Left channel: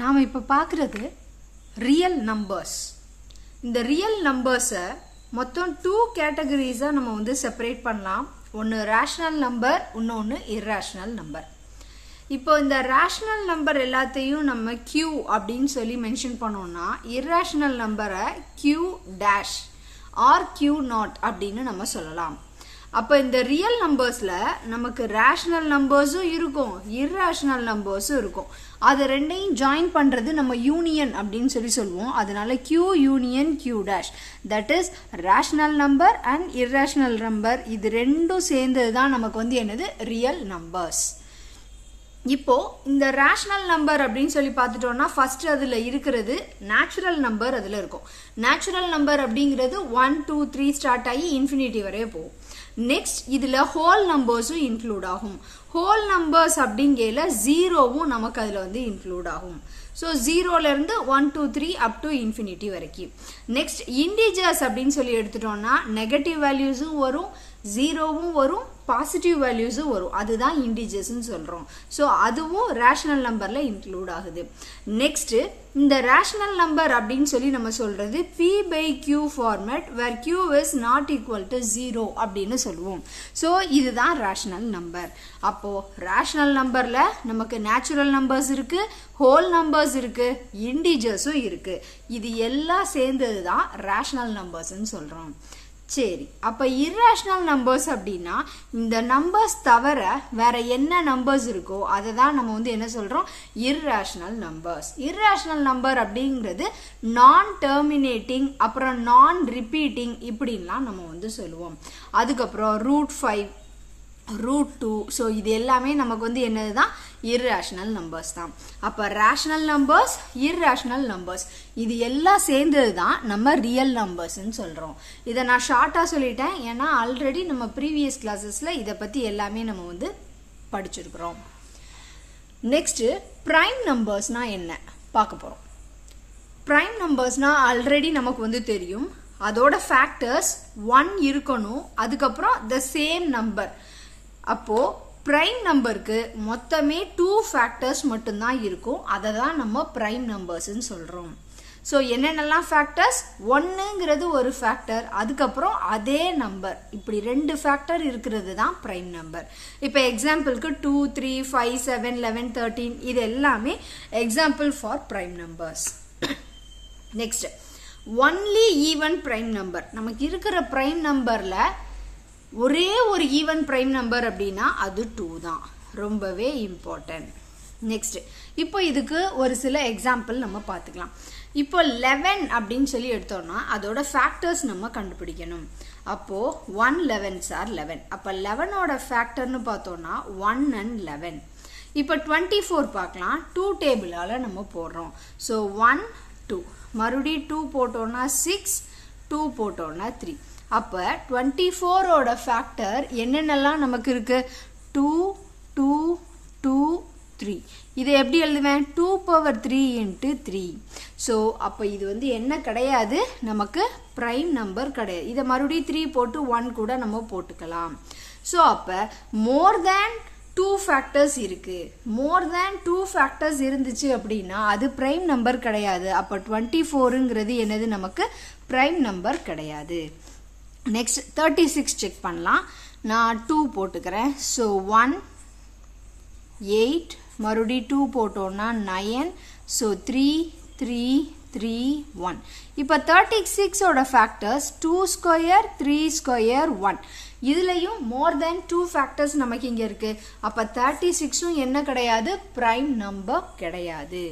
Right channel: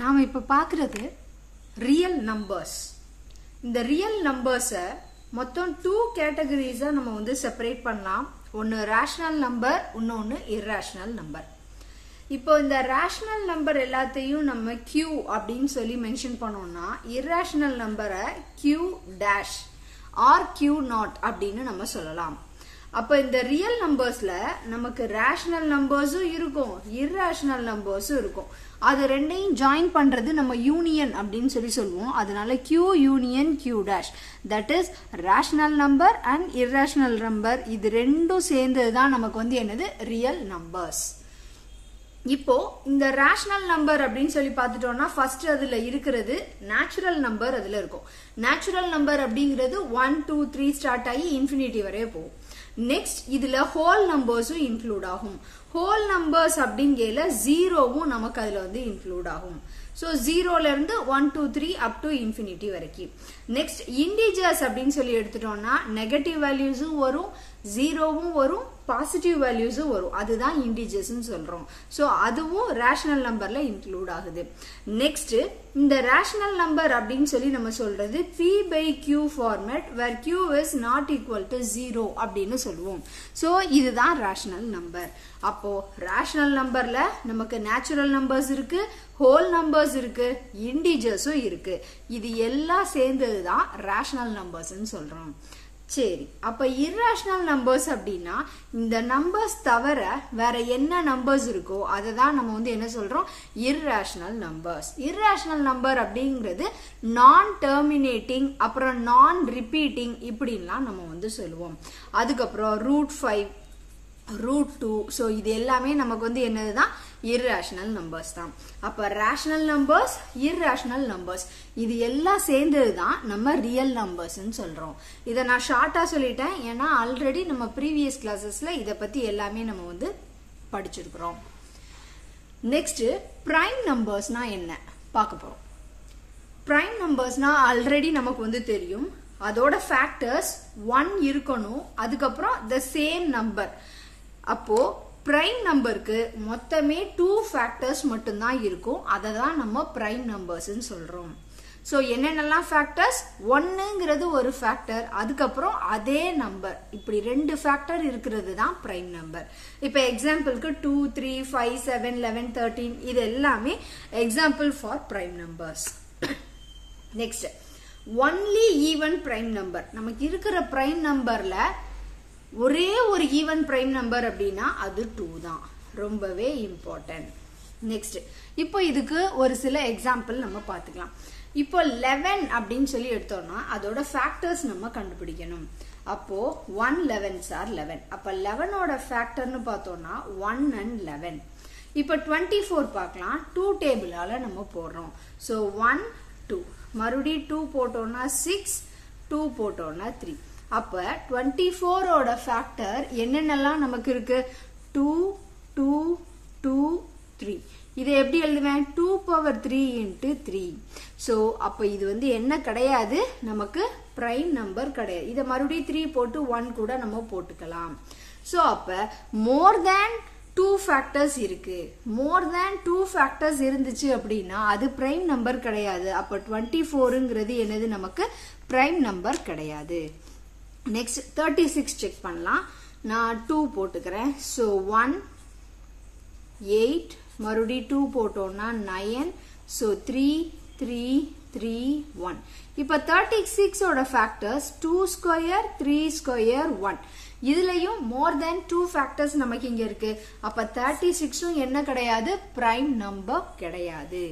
நாம இப்ப பார்க்கிறது ரியல் நம்பர்ஸ். இந்த ரியல் நம்பர்ஸை மொத்தம் 2 கேட்டகரிஸா நம்ம வந்து செப்பரேட் பண்ணலாம். ஒன்னு ரேஷனல் நம்பர், இன்னொன்னு இர்ரேஷனல் நம்பர். இப்போ இந்த ரேஷனல் நம்பர் எல்லாத்தையும் நம்ம Q அப்படின்னு சொல்லி மென்ஷன் பண்ணோம்னா, இர்ரேஷனல் நம்பரை Q dash R Q not அப்படின்னு நம்ம சொல்லலாம். அப்ப இந்த ரியல் நம்பர்ஸ்ல நமக்கு ரேஷனல் நம்பர்ஸும் இருக்கும், இர்ரேஷனல் நம்பர்ஸும் இருக்கும். அது ரெண்டையும் ஜாயின் பண்றது நம்ம யூனியன் அப்படின்னு சொல்லி சொல்லுவோம். அதனால Q union Q dash, that is rational number and irrational number. இது ரெண்டும் சேர்ந்ததுதான் நமக்கு வந்து என்னது ரியல் நம்பர்ஸ். இப்போ இந்த ரேஷனல் நம்பர் அப்படின்னு சொல்லி பார்த்துட்டோம்னா, ஃபர்ஸ்ட் அதுல இருக்கிறது நேச்சுரல் நம்பர் அதுல இருக்கும். நேச்சுரல் நம்பர் அப்படிங்கிறது 1 2 3 ஸ்டார்ட் ஆகி இன்ஃபினிட்டி வரைய போகும். நெக்ஸ்ட் இதுல ஹோல் நம்பர்ஸும் இன்க்ளூட் ஆகும். ஹோல் நம்பர்ஸ் அப்படிங்கல ஜீரோவும் நமக்கு அதுல வந்து இன்க்ளூட் ஆகும். சோ ஜீரோல இருந்து 1 2 3 அப் டு இன்ஃபினிட்டி வரைக்கும். நெக்ஸ்ட் இன்டிஜர்ஸ் அப்படின்னு சொல்லி எடுத்துட்டோம்னா, நெகட்டிவ் வேல்யூஸும் வரும், ஜீரோவும் வரும், பாசிட்டிவ் வேல்யூஸும் வரும். அதுதான் இன்டிஜர்ஸ் சொல்றோம். சோ அதுவும் ரேஷனல் நம்பர்ல இன்க்ளூட் ஆகுது. நெக்ஸ்ட் இந்த ரேஷனல் நம்பர் அப்படின்னு சொல்லி நம்ம சொல்றது P by Q format, where Q is not equal to 0 அப்படின்னு சொல்லுவோம். சோ இதுதான் ரேஷனல் நம்பர். அப்போ ரேஷனல் நம்பர்ல நமக்கு நேச்சுரல் நம்பர்ஸ் இருக்கு, ஹோல் நம்பர்ஸ் இருக்கு, இன்டிஜர்ஸும் இருக்கு. இது எல்லாம் சேர்ந்ததுதான் ரேஷனல் நம்பர்ஸ் சொல்றோம். சரி, அப்ப இர்ரேஷனல் நம்பர்ஸ் அப்படின்னா இந்த நம்பர்ஸ் தவிர வேற என்ன நம்பர்ஸ் இருக்கோ அதை தான் நம்ம வந்து என்ன சொல்றோம், இர்ரேஷனல் நம்பர்ஸ். இர்ரேஷனல் நம்பர் அப்படிங்கிறது நான் டெர்மினேட்டிங், அப்புறம் நான் ரிப்பீட்டிங் இப்படின்லாம் நம்ம வந்து சொல்லுவோம். அதுக்கப்புறம் √5 √2. ஸோ இது எல்லாமே நமக்கு வந்து என்னதுதான் இர்ரேஷனல் நம்பர்ஸ் தான். அப்ப ரேஷனல் நம்பர்ஸ், இர்ரேஷனல் நம்பர்ஸ் இது எல்லாம் சேர்ந்தது தான் நம்ம ரியல் நம்பர்ஸ் சொல்றோம். இதை நான் ஷார்ட்டா சொல்லிட்டேன், ஏன்னா ஆல்ரெடி நம்ம ப்ரீவியஸ் கிளாஸஸ்ல இதை பத்தி எல்லாமே நம்ம வந்து படிச்சிருக்கிறோம். நெக்ஸ்ட் பிரைம் நம்பர்ஸ்னா என்ன பார்க்க போறோம். பிரைம் நம்பர்ஸ்னா ஆல்ரெடி நமக்கு வந்து தெரியும், அதோட ஃபேக்டர்ஸ் 1 இருக்கணும், அதுக்கப்புறம் the same number. அப்போ பிரைம் நம்பருக்கு மொத்தமே 2 ஃபேக்டர்ஸ் மட்டும்தான் இருக்கும். அதை தான் நம்ம பிரைம் நம்பர்ஸ் சொல்றோம். சோ என்னென்னலாம் ஃபேக்டர்ஸ், 1ங்கிறது ஒரு ஃபேக்டர், அதுக்கப்புறம் அதே நம்பர், இப்படி 2 ஃபேக்டர் இருக்கிறது தான் பிரைம் நம்பர். இப்ப எக்ஸாம்பிளுக்கு 2 3 5 7 11 13 இது எல்லாமே example for prime numbers. Next only even prime number. நமக்கு இருக்கிற பிரைம் நம்பர்ல ஒரே ஒரு ஈவன் பிரைம் நம்பர் அப்படின்னா அது 2 தான். ரொம்பவே இம்பார்ட்டன்ட். நெக்ஸ்ட் இப்போ இதுக்கு ஒரு சில எக்ஸாம்பிள் நம்ம பார்த்துக்கலாம். இப்போ 11 அப்படின்னு சொல்லி எடுத்தோம்னா அதோட ஃபேக்டர்ஸ் நம்ம கண்டுபிடிக்கணும். அப்போ 1 11s are 11. அப்ப 11ஓட ஃபேக்டர்னு பார்த்தோம்னா 1 and 11. இப்போ 24 பார்க்கலாம். 2 டேபிளால நம்ம போடுறோம். ஸோ 1 2, மறுபடியும் 2 போட்டோம்னா 6, 2 போட்டோம்னா 3. அப்ப 24ஓட ஃபேக்டர் என்னென்னலாம் நமக்கு இருக்கு, 2 2 2 3. இதை எப்படி எழுதுவேன், 2 பவர் 3 into 3. சோ அப்ப இது வந்து என்ன கிடையாது, நமக்கு பிரைம் நம்பர் கிடையாது. இதை மறுபடியும் 3 போட்டு 1 கூட நம்ம போட்டுக்கலாம். சோ அப்ப மோர் தேன் 2 ஃபேக்டர்ஸ் இருக்கு. மோர் தேன் 2 ஃபேக்டர்ஸ் இருந்துச்சு அப்படின்னா அது பிரைம் நம்பர் கிடையாது. அப்ப 24ங்கிறது என்னது, நமக்கு பிரைம் நம்பர் கிடையாது. நெக்ஸ்ட் 36 செக் பண்ணலாம். நான் 2 போட்டுக்கிறேன். ஸோ 1 8, மறுபடியும் 2 போட்டோம்னா 9. ஸோ 3 3 3 1. இப்போ 36ஓட ஃபேக்டர்ஸ் 2 ஸ்கொயர் 3 ஸ்கொயர் 1. இதுலயும் மோர் தேன் 2 ஃபேக்டர்ஸ் நமக்கு இங்க இருக்கு. அப்ப 36ம் என்ன கிடையாது, பிரைம் நம்பர் கிடையாது.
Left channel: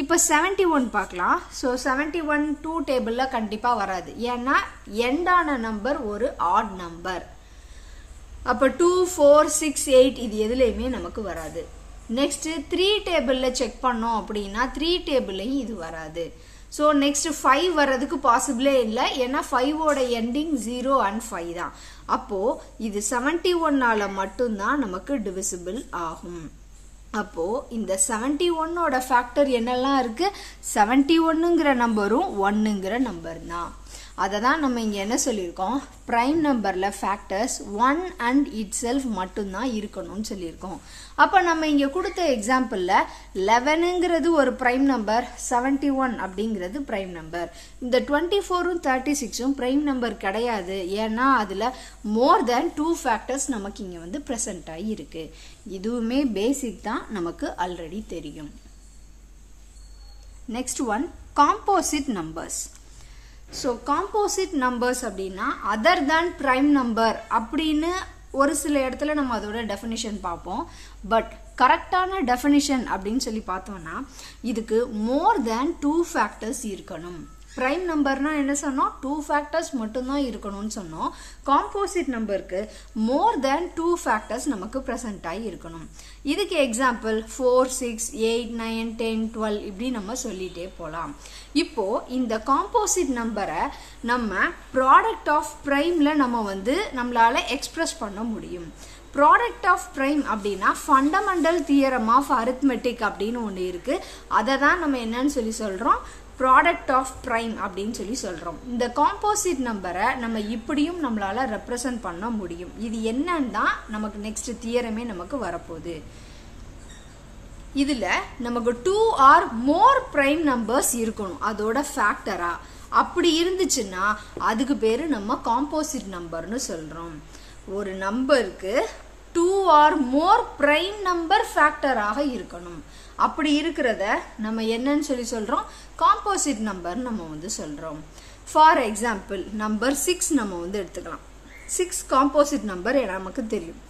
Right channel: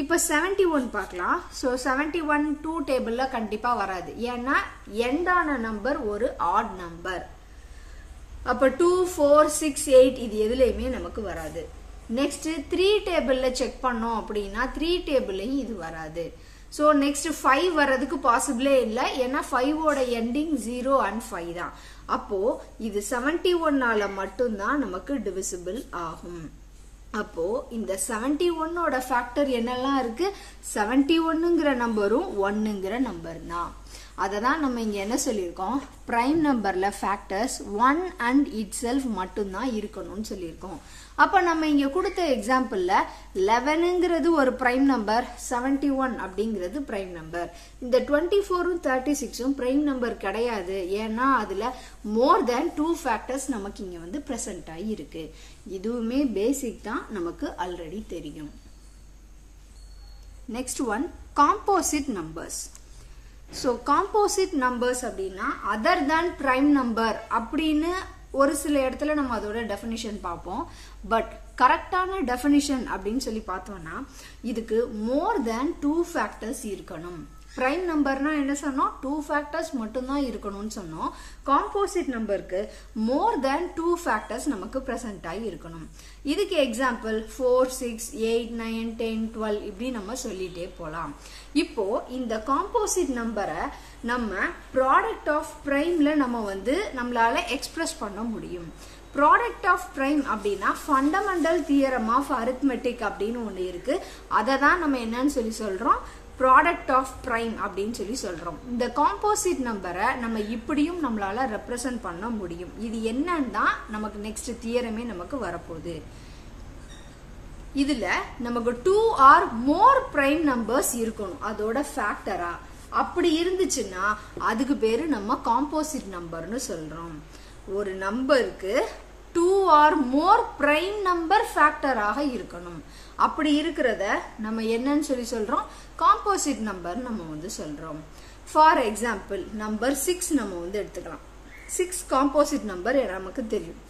இப்ப 71 பார்க்கலாம். சோ 71 2 டேபிள்ல கண்டிப்பா வராது, ஏன்னா எண்டான நம்பர் ஒரு ஆட் நம்பர். அப்ப 2 4 6 8 இது எதுலயுமே நமக்கு வராது. நெக்ஸ்ட் 3 டேபிள்ல செக் பண்ணோம் அப்படின்னா 3 டேபிள்லயும் இது வராது. சோ நெக்ஸ்ட் 5 வர்றதுக்கு பாசிபிளே இல்ல, ஏன்னா 5ஓட எண்டிங் 0 and 5 தான். அப்போ இது 71ஆல மட்டும்தான் நமக்கு டிவிசிபிள் ஆகும். அப்போ இந்த 71ஓட ஃபேக்டர் என்னெல்லாம் இருக்கு, 71ங்கிற நம்பரும் 1ங்கிற நம்பர் தான். அததான் நம்ம இங்க என்ன சொல்லியிருக்கோம், பிரைம் நம்பர்ல ஃபேக்டர்ஸ் 1 and itself மட்டும்தான் இருக்கணும்னு சொல்லியிருக்கோம். அப்ப நம்ம இங்க கொடுத்த எக்ஸாம்பிள்ல 11ங்கிறது ஒரு பிரைம் நம்பர், 71 அப்படிங்கிறது பிரைம் நம்பர். இந்த 24ம் 36ம் பிரைம் நம்பர் கிடையாது. ஏன்னா அதுல மோர் தேன் 2 ஃபேக்டர்ஸ் நமக்கு இங்க வந்து பிரசன்ட் ஆகி இருக்கு. இதுவுமே பேசிக் தான், நமக்கு ஆல்ரெடி தெரியும். Next one, composite numbers. So composite numbers அப்படின்னா அதர் தேன் பிரைம் நம்பர் அப்படின்னு ஒரு சில இடத்துல நம்ம அதோட டெஃபினிஷன் பார்ப்போம். பட் கரெக்டான டெஃபினிஷன் அப்படின்னு சொல்லி பார்த்தோம்னா இதுக்கு மோர் தேன் 2 ஃபேக்டர்ஸ் இருக்கணும். பிரைம் நம்பர்னா என்ன சொன்னோம், 2 ஃபேக்டர்ஸ் மட்டும்தான் இருக்கணும்னு சொன்னோம். காம்போசிட் நம்பருக்கு மோர் தேன் 2 ஃபேக்டர்ஸ் நமக்கு பிரசன்ட் ஆகி இருக்கணும். இதுக்கு எக்ஸாம்பிள் 4, 6, 8, 9, 10, 12 இப்படி நம்ம சொல்லிட்டே போலாம். இப்போ இந்த காம்போசிட் நம்பரை நம்ம ப்ராடக்ட் ஆஃப் பிரைம்ல நம்ம வந்து நம்மளால எக்ஸ்பிரஸ் பண்ண முடியும். ப்ராடக்ட் ஆஃப் பிரைம் அப்படின்னா ஃபண்டமெண்டல் தியரம் ஆஃப் அரித்மெட்டிக் அப்படின்னு ஒன்று இருக்கு. அதை தான் நம்ம என்னன்னு சொல்லி சொல்றோம், ப்ராடக்ட் ஆஃப் பிரைம் அப்படின்னு சொல்லி சொல்றோம். இந்த காம்போசிட் நம்பரை நம்ம இப்படியும் நம்மளால ரெப்ரசன்ட் பண்ண முடியும். இது என்னன்னா நமக்கு நெக்ஸ்ட் தியரமே நமக்கு வரப்போகுது. இதுல நமக்கு 2 or more பிரைம் நம்பர்ஸ் இருக்கணும் அதோட ஃபேக்டரா. அப்படி இருந்துச்சுன்னா அதுக்கு பேரு நம்ம காம்போசிட் நம்பர்னு சொல்றோம். ஒரு நம்பருக்கு 2 or more பிரைம் நம்பர் ஃபேக்டராக இருக்கணும். அப்படி இருக்கிறத நம்ம என்னன்னு சொல்லி சொல்றோம், காம்போசிட் நம்பர் நம்ம வந்து சொல்றோம். ஃபார் எக்ஸாம்பிள் நம்பர் 6 நம்ம வந்து எடுத்துக்கலாம். 6 காம்போசிட் நம்பர் நமக்கு தெரியும்.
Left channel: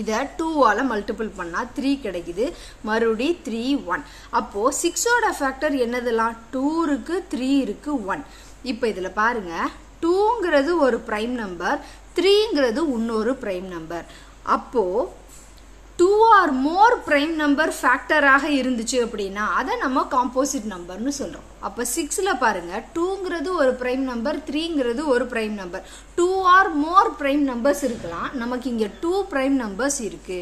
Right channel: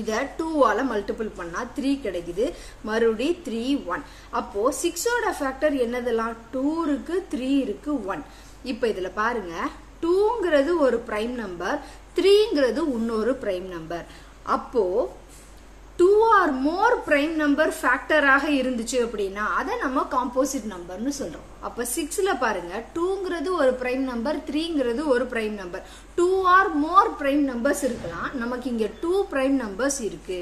இத 2ஆல மல்டிபிள் பண்ணா 3 கிடைக்குது. மறுபடி 3, 1. அப்போ 6ஓட ஃபேக்டர் என்னதெல்லாம், 2 இருக்கு, 3 இருக்கு, 1. இப்ப இதுல பாருங்க, 2ங்கிறது ஒரு பிரைம் நம்பர், 3ங்கிறது இன்னொரு பிரைம் நம்பர். அப்போ 2 or more பிரைம் நம்பர் ஃபேக்டராக இருந்துச்சு அப்படின்னா அதை நம்ம காம்போசிட் நம்பர்னு சொல்றோம். அப்ப 6ல பாருங்க, 2ங்கிறது ஒரு பிரைம் நம்பர், 3ங்கிறது ஒரு prime number. 2 or more prime numbers இருக்கலாம். நமக்கு இங்க 2 பிரைம் நம்பர்ஸ் இருக்கு.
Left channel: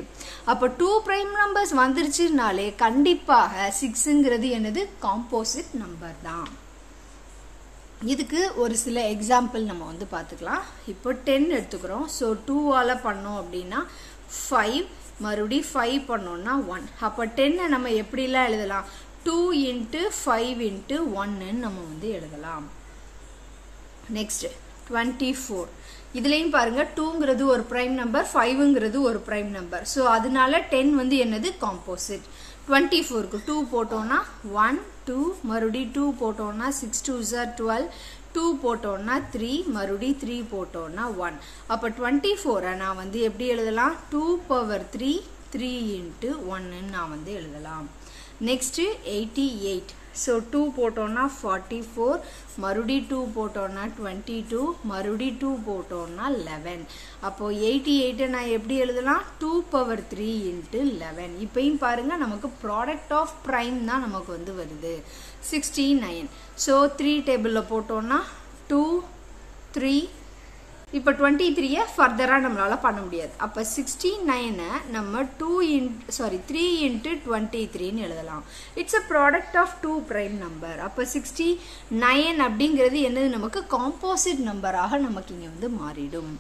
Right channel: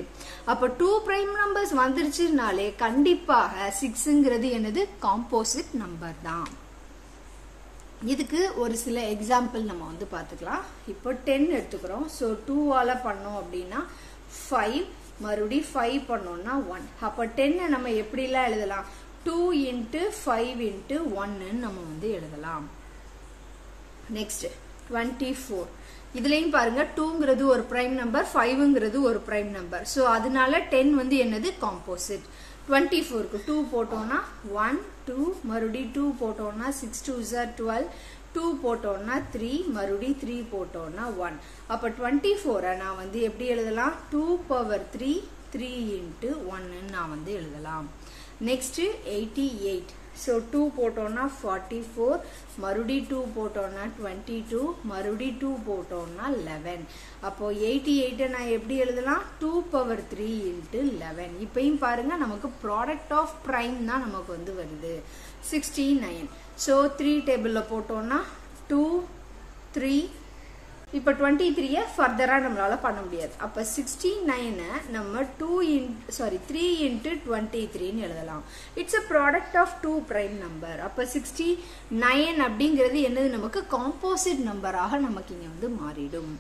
அப்ப 2 பிரைம் நம்பர்ஸ் வந்துருச்சுனாலே கண்டிப்பாக 6ங்கிறது என்னது, காம்போசிட் நம்பர் தான். இதுக்கு ஒரு சில எக்ஸாம்பிள் நம்ம வந்து பார்த்துக்கலாம். இப்போ 10 எடுத்துக்கிறோம். ஸோ 2ஆல பண்ணோம் அப்படின்னா 5, மறுபடி 5 பண்ணோம்னா 1. அப்ப 10 நம்ம எப்படிலாம் எழுதலாம், 2 into 5 into 1 நம்ம வந்து எழுதலாம். நெக்ஸ்ட் 24. இதுலயும் பாருங்க, 2ங்கிறது ஒரு பிரைம் நம்பர், 5ங்கிறது ஒரு பிரைம் நம்பர். ஸோ அதனால 10 வந்து என்னது, காம்போசிட். 24க்கு 2 போட்டோம்னா 1, 2, மறுபடி 2 போட்டோம்னா 6 2s are 12, 2 போட்டோம்னா 3, மறுபடி 3 போட்டோம்னா 1. அப்ப 24 நான் வந்து எப்படி எழுதலாம், 2 power 3, 3 into 1 நான் வந்து எழுதலாம். நெக்ஸ்ட் 88. ஸோ 2 போட்டோம்னா 44, மறுபடி 2 போட்டோம்னா 22, மறுபடி 2 போட்டோம்னா 11. அப்போ 88 நான் எப்படி எழுதலாம், 2 power 3 into 11. இப்பயும் பாருங்க நமக்கு ப்ராடக்ட் ஆஃப் பிரைம் தான் நமக்கு வந்து வருது. 69. ஸோ 3 டேபிள்ல போட்டோம்னா 2, 3. இப்ப 23 ஃபர்தரா நம்மளால பண்ண முடியாது. அப்ப 69 நம்ம 3 into 23 எழுதலாம். It's a product of 2 prime number. அப்ப 69 அப்படிங்கிறது என்னது, நமக்கு காம்போசிட் நம்பராக நமக்கு இங்க வந்து மாறிடும்.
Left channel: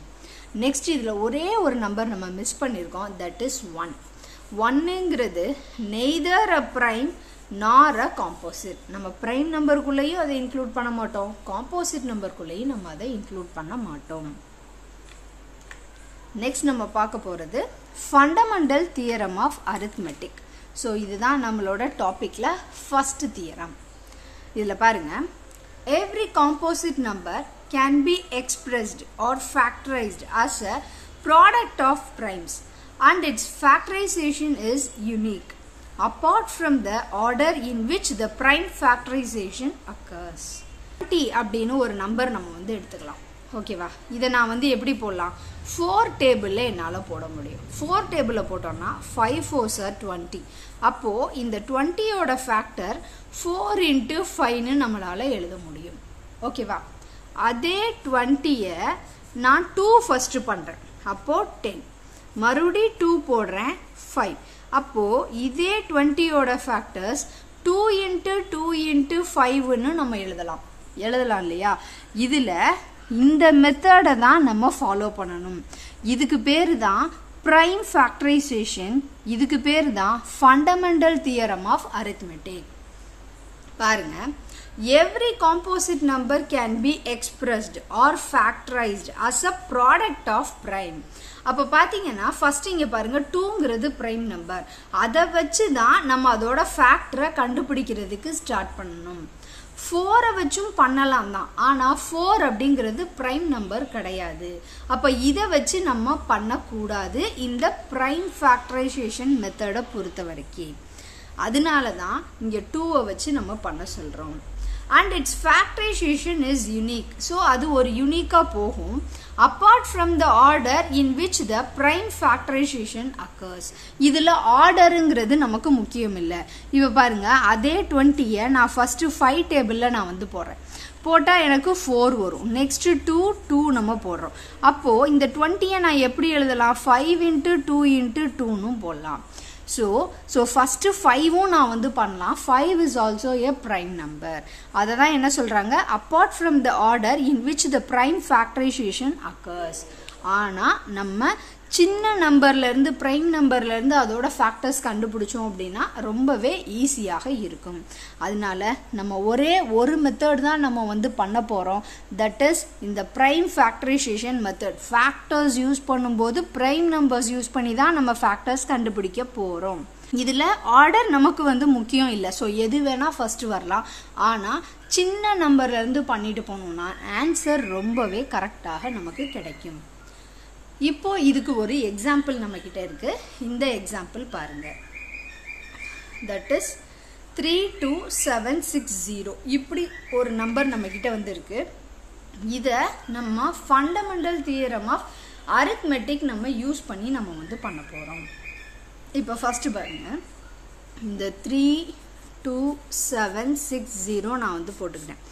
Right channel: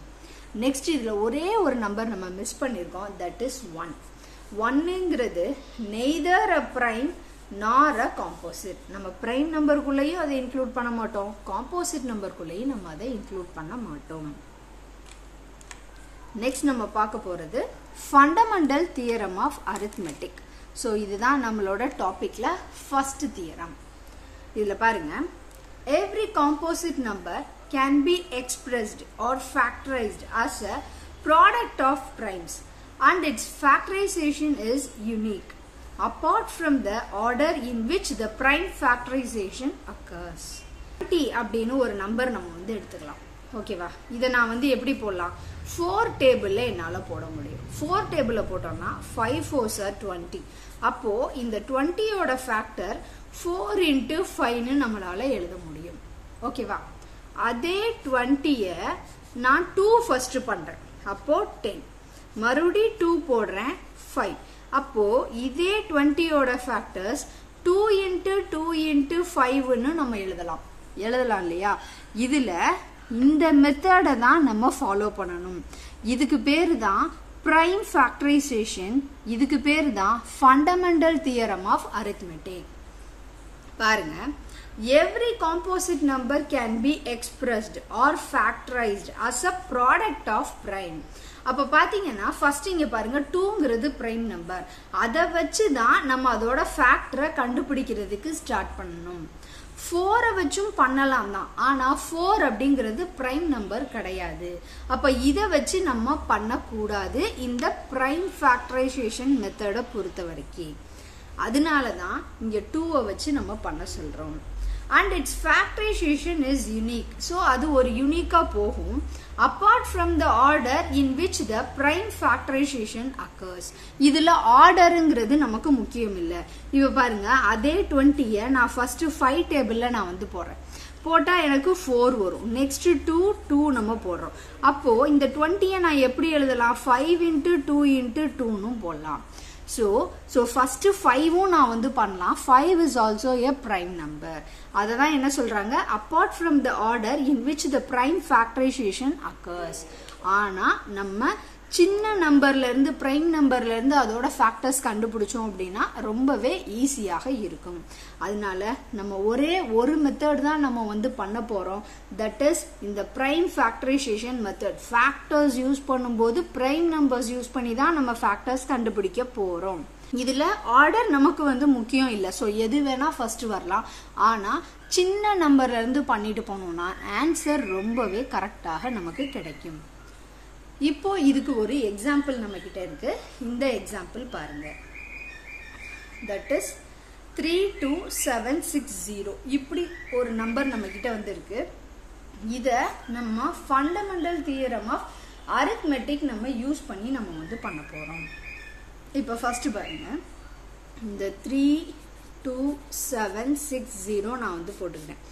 நெக்ஸ்ட் இதுல ஒரே ஒரு நம்பர் நம்ம மிஸ் பண்ணிருக்கோம், that is 1. 1ங்கிறது neither a prime nor a composite. நம்ம பிரைம் நம்பருக்குள்ளேயும் அதை இன்க்ளூட் பண்ண மாட்டோம், காம்போசிட் நம்பருக்குள்ளேயும் நம்ம அதை இன்க்ளூட் பண்ண மாட்டோம். நெக்ஸ்ட் நம்ம பார்க்க போறது fundamental theorem of arithmetic. So இதுதான் நம்மளோட டாபிக்ல ஃபர்ஸ்ட் தியரம். இதுல பாருங்க, every composite number can be expressed or factorized as a product of primes and its factorization is unique apart from the order in which the prime factorization occurs. 20 அப்படின்னு ஒரு number நம்ம வந்து எடுத்துக்கலாம். ஓகேவா, இதை நான் வந்து எப்படி போடலாம், 4 டேபிள்ல என்னால போட முடியும். 4 டேபிள்ல போட்டோம்னா 5 4s are 20. அப்போ இந்த 20யோட ஃபேக்டர் 4 into 5ன்னு நம்மளால எழுத முடியும். ஓகேவா, அதே 20ய நான் 2 ஃபர்ஸ்ட் பண்றேன், அப்போ 10, மறுபடி 2 போடுறேன் 5. அப்போ இதே 20யோட ஃபேக்டர்ஸ் 2 into 2 into 5ன்னு நம்ம எழுதலாம். எழுதலாம் இல்லையா? இதுல இந்த மெத்தடை தான் நம்ம ஃபாலோ பண்ணணும். இதுக்கு பேரு தான் prime factorization. இதுக்கு பேரு தான் fundamental theorem of arithmetic. பாருங்க, every composite number can be expressed or factorized as a product of prime. அப்ப பாத்தீங்கன்னா ஃபர்ஸ்ட் இங்க பாருங்க 2ங்கிறது prime number. அதை வச்சு தான் நம்ம அதோட ஃபேக்டரை கண்டுபிடிக்கிறதுக்கு ஸ்டார்ட் பண்ணணும். 4 வச்சும் பண்ணலாம் தான், ஆனா 4 அப்படிங்கிறது பிரைம் நம்பர் கிடையாது. அப்ப இத வச்சு நம்ம பண்ணக்கூடாது இந்த பிரைம் ஃபேக்டரைசேஷன் மெத்தடை பொறுத்த வரைக்கும். அதனாலதான் இங்க 2 வச்சு நம்ம பண்ண சொல்றோம். and its factorization is unique. so அது ஒரு யூனிக்கா போகும் apart from the order in which the prime factorization occurs. இதுல ஆர்டர்ங்கிறது நமக்கு முக்கியம் இல்ல. இப்ப பாருங்க, அதே 20 நான் ஃபர்ஸ்ட் 5 டேபிள்ல நான் வந்து போடுறேன். போட்டா எனக்கு 4 வரும். நெக்ஸ்ட் 2 நம்ம போடுறோம். அப்போ இந்த 20 நான் எப்படி எழுதலாம்? 5 into 2 into 2 போடலாம். So first 5 நான் வந்து பண்ணலாம். 5 is also a prime number. அததான் என்ன சொல்றாங்க? apart from the order in which the prime factorization occurs. ஆனா நம்ம சின்ன நம்பர்ல இருந்து பிரைம் நம்பர்ல இருந்து அதோட ஃபேக்டர்ஸ் கண்டுபிடிச்சோம் அப்படின்னா ரொம்பவே ஈஸியாக இருக்கும். அதனால நம்ம ஒரே ஒரு மெத்தட் தான் நம்ம வந்து பண்ண போறோம். தட் இஸ் இந்த prime factorisation method. Factors use பண்ணும்போது பிரைம் நம்பர்ஸ் யூஸ் பண்ணி தான் நம்ம ஃபேக்டர்ஸ் கண்டுபிடிக்க போறோம். இதுல ஆர்டர் நமக்கு வந்து முக்கியம் இல்ல. சோ எது வேணா ஃபர்ஸ்ட் வரலாம். ஆனா சின்ன நம்பர்ல இருந்து பண்ணிட்டு போனோம்னா ஆன்சர் ரொம்பவே கரெக்டாக நமக்கு கிடைக்கும். இப்போ இதுக்கு ஒரு எக்ஸாம்பிள் நம்ம கிட்ட இருக்கு. இந்த எக்ஸாம்பிள் பாருங்க. That is 32760. இப்படி ஒரு நம்பர் நம்ம கிட்ட வந்து இருக்கு. இத நம்ம ஃபண்டமெண்டல் தியரம் ஆஃப் அரித்மெட்டிக் நம்ம யூஸ் பண்ணி நம்ம வந்து பண்ண போறோம். இப்போ ஃபர்ஸ்ட் பாருங்க, இந்த 32760 நான் வந்து போட்டுக்கிறேன்.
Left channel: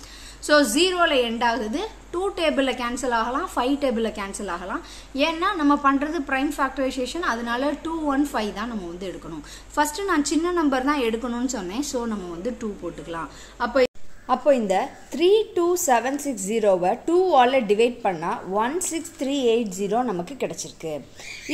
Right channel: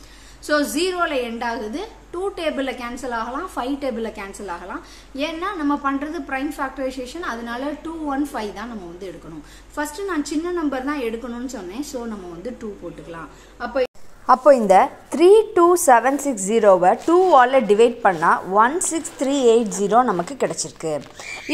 ஸோ 0ல எண்ட் ஆகுது. 2 டேபிள்ல கேன்சல் ஆகலாம், 5 டேபிள்ல கேன்சல் ஆகலாம். ஏன்னா நம்ம பண்றது பிரைம் ஃபேக்டரைசேஷன், அதனால 215 தான் நம்ம வந்து எடுக்கணும். ஃபர்ஸ்ட் நான் சின்ன நம்பர் தான் எடுக்கணும்னு சொன்னேன். ஸோ நம்ம வந்து 2 போட்டுக்கலாம். அப்போ இந்த 32760வை 2ஆல டிவைட் பண்ணா 16380 நமக்கு கிடைச்சிருக்கு.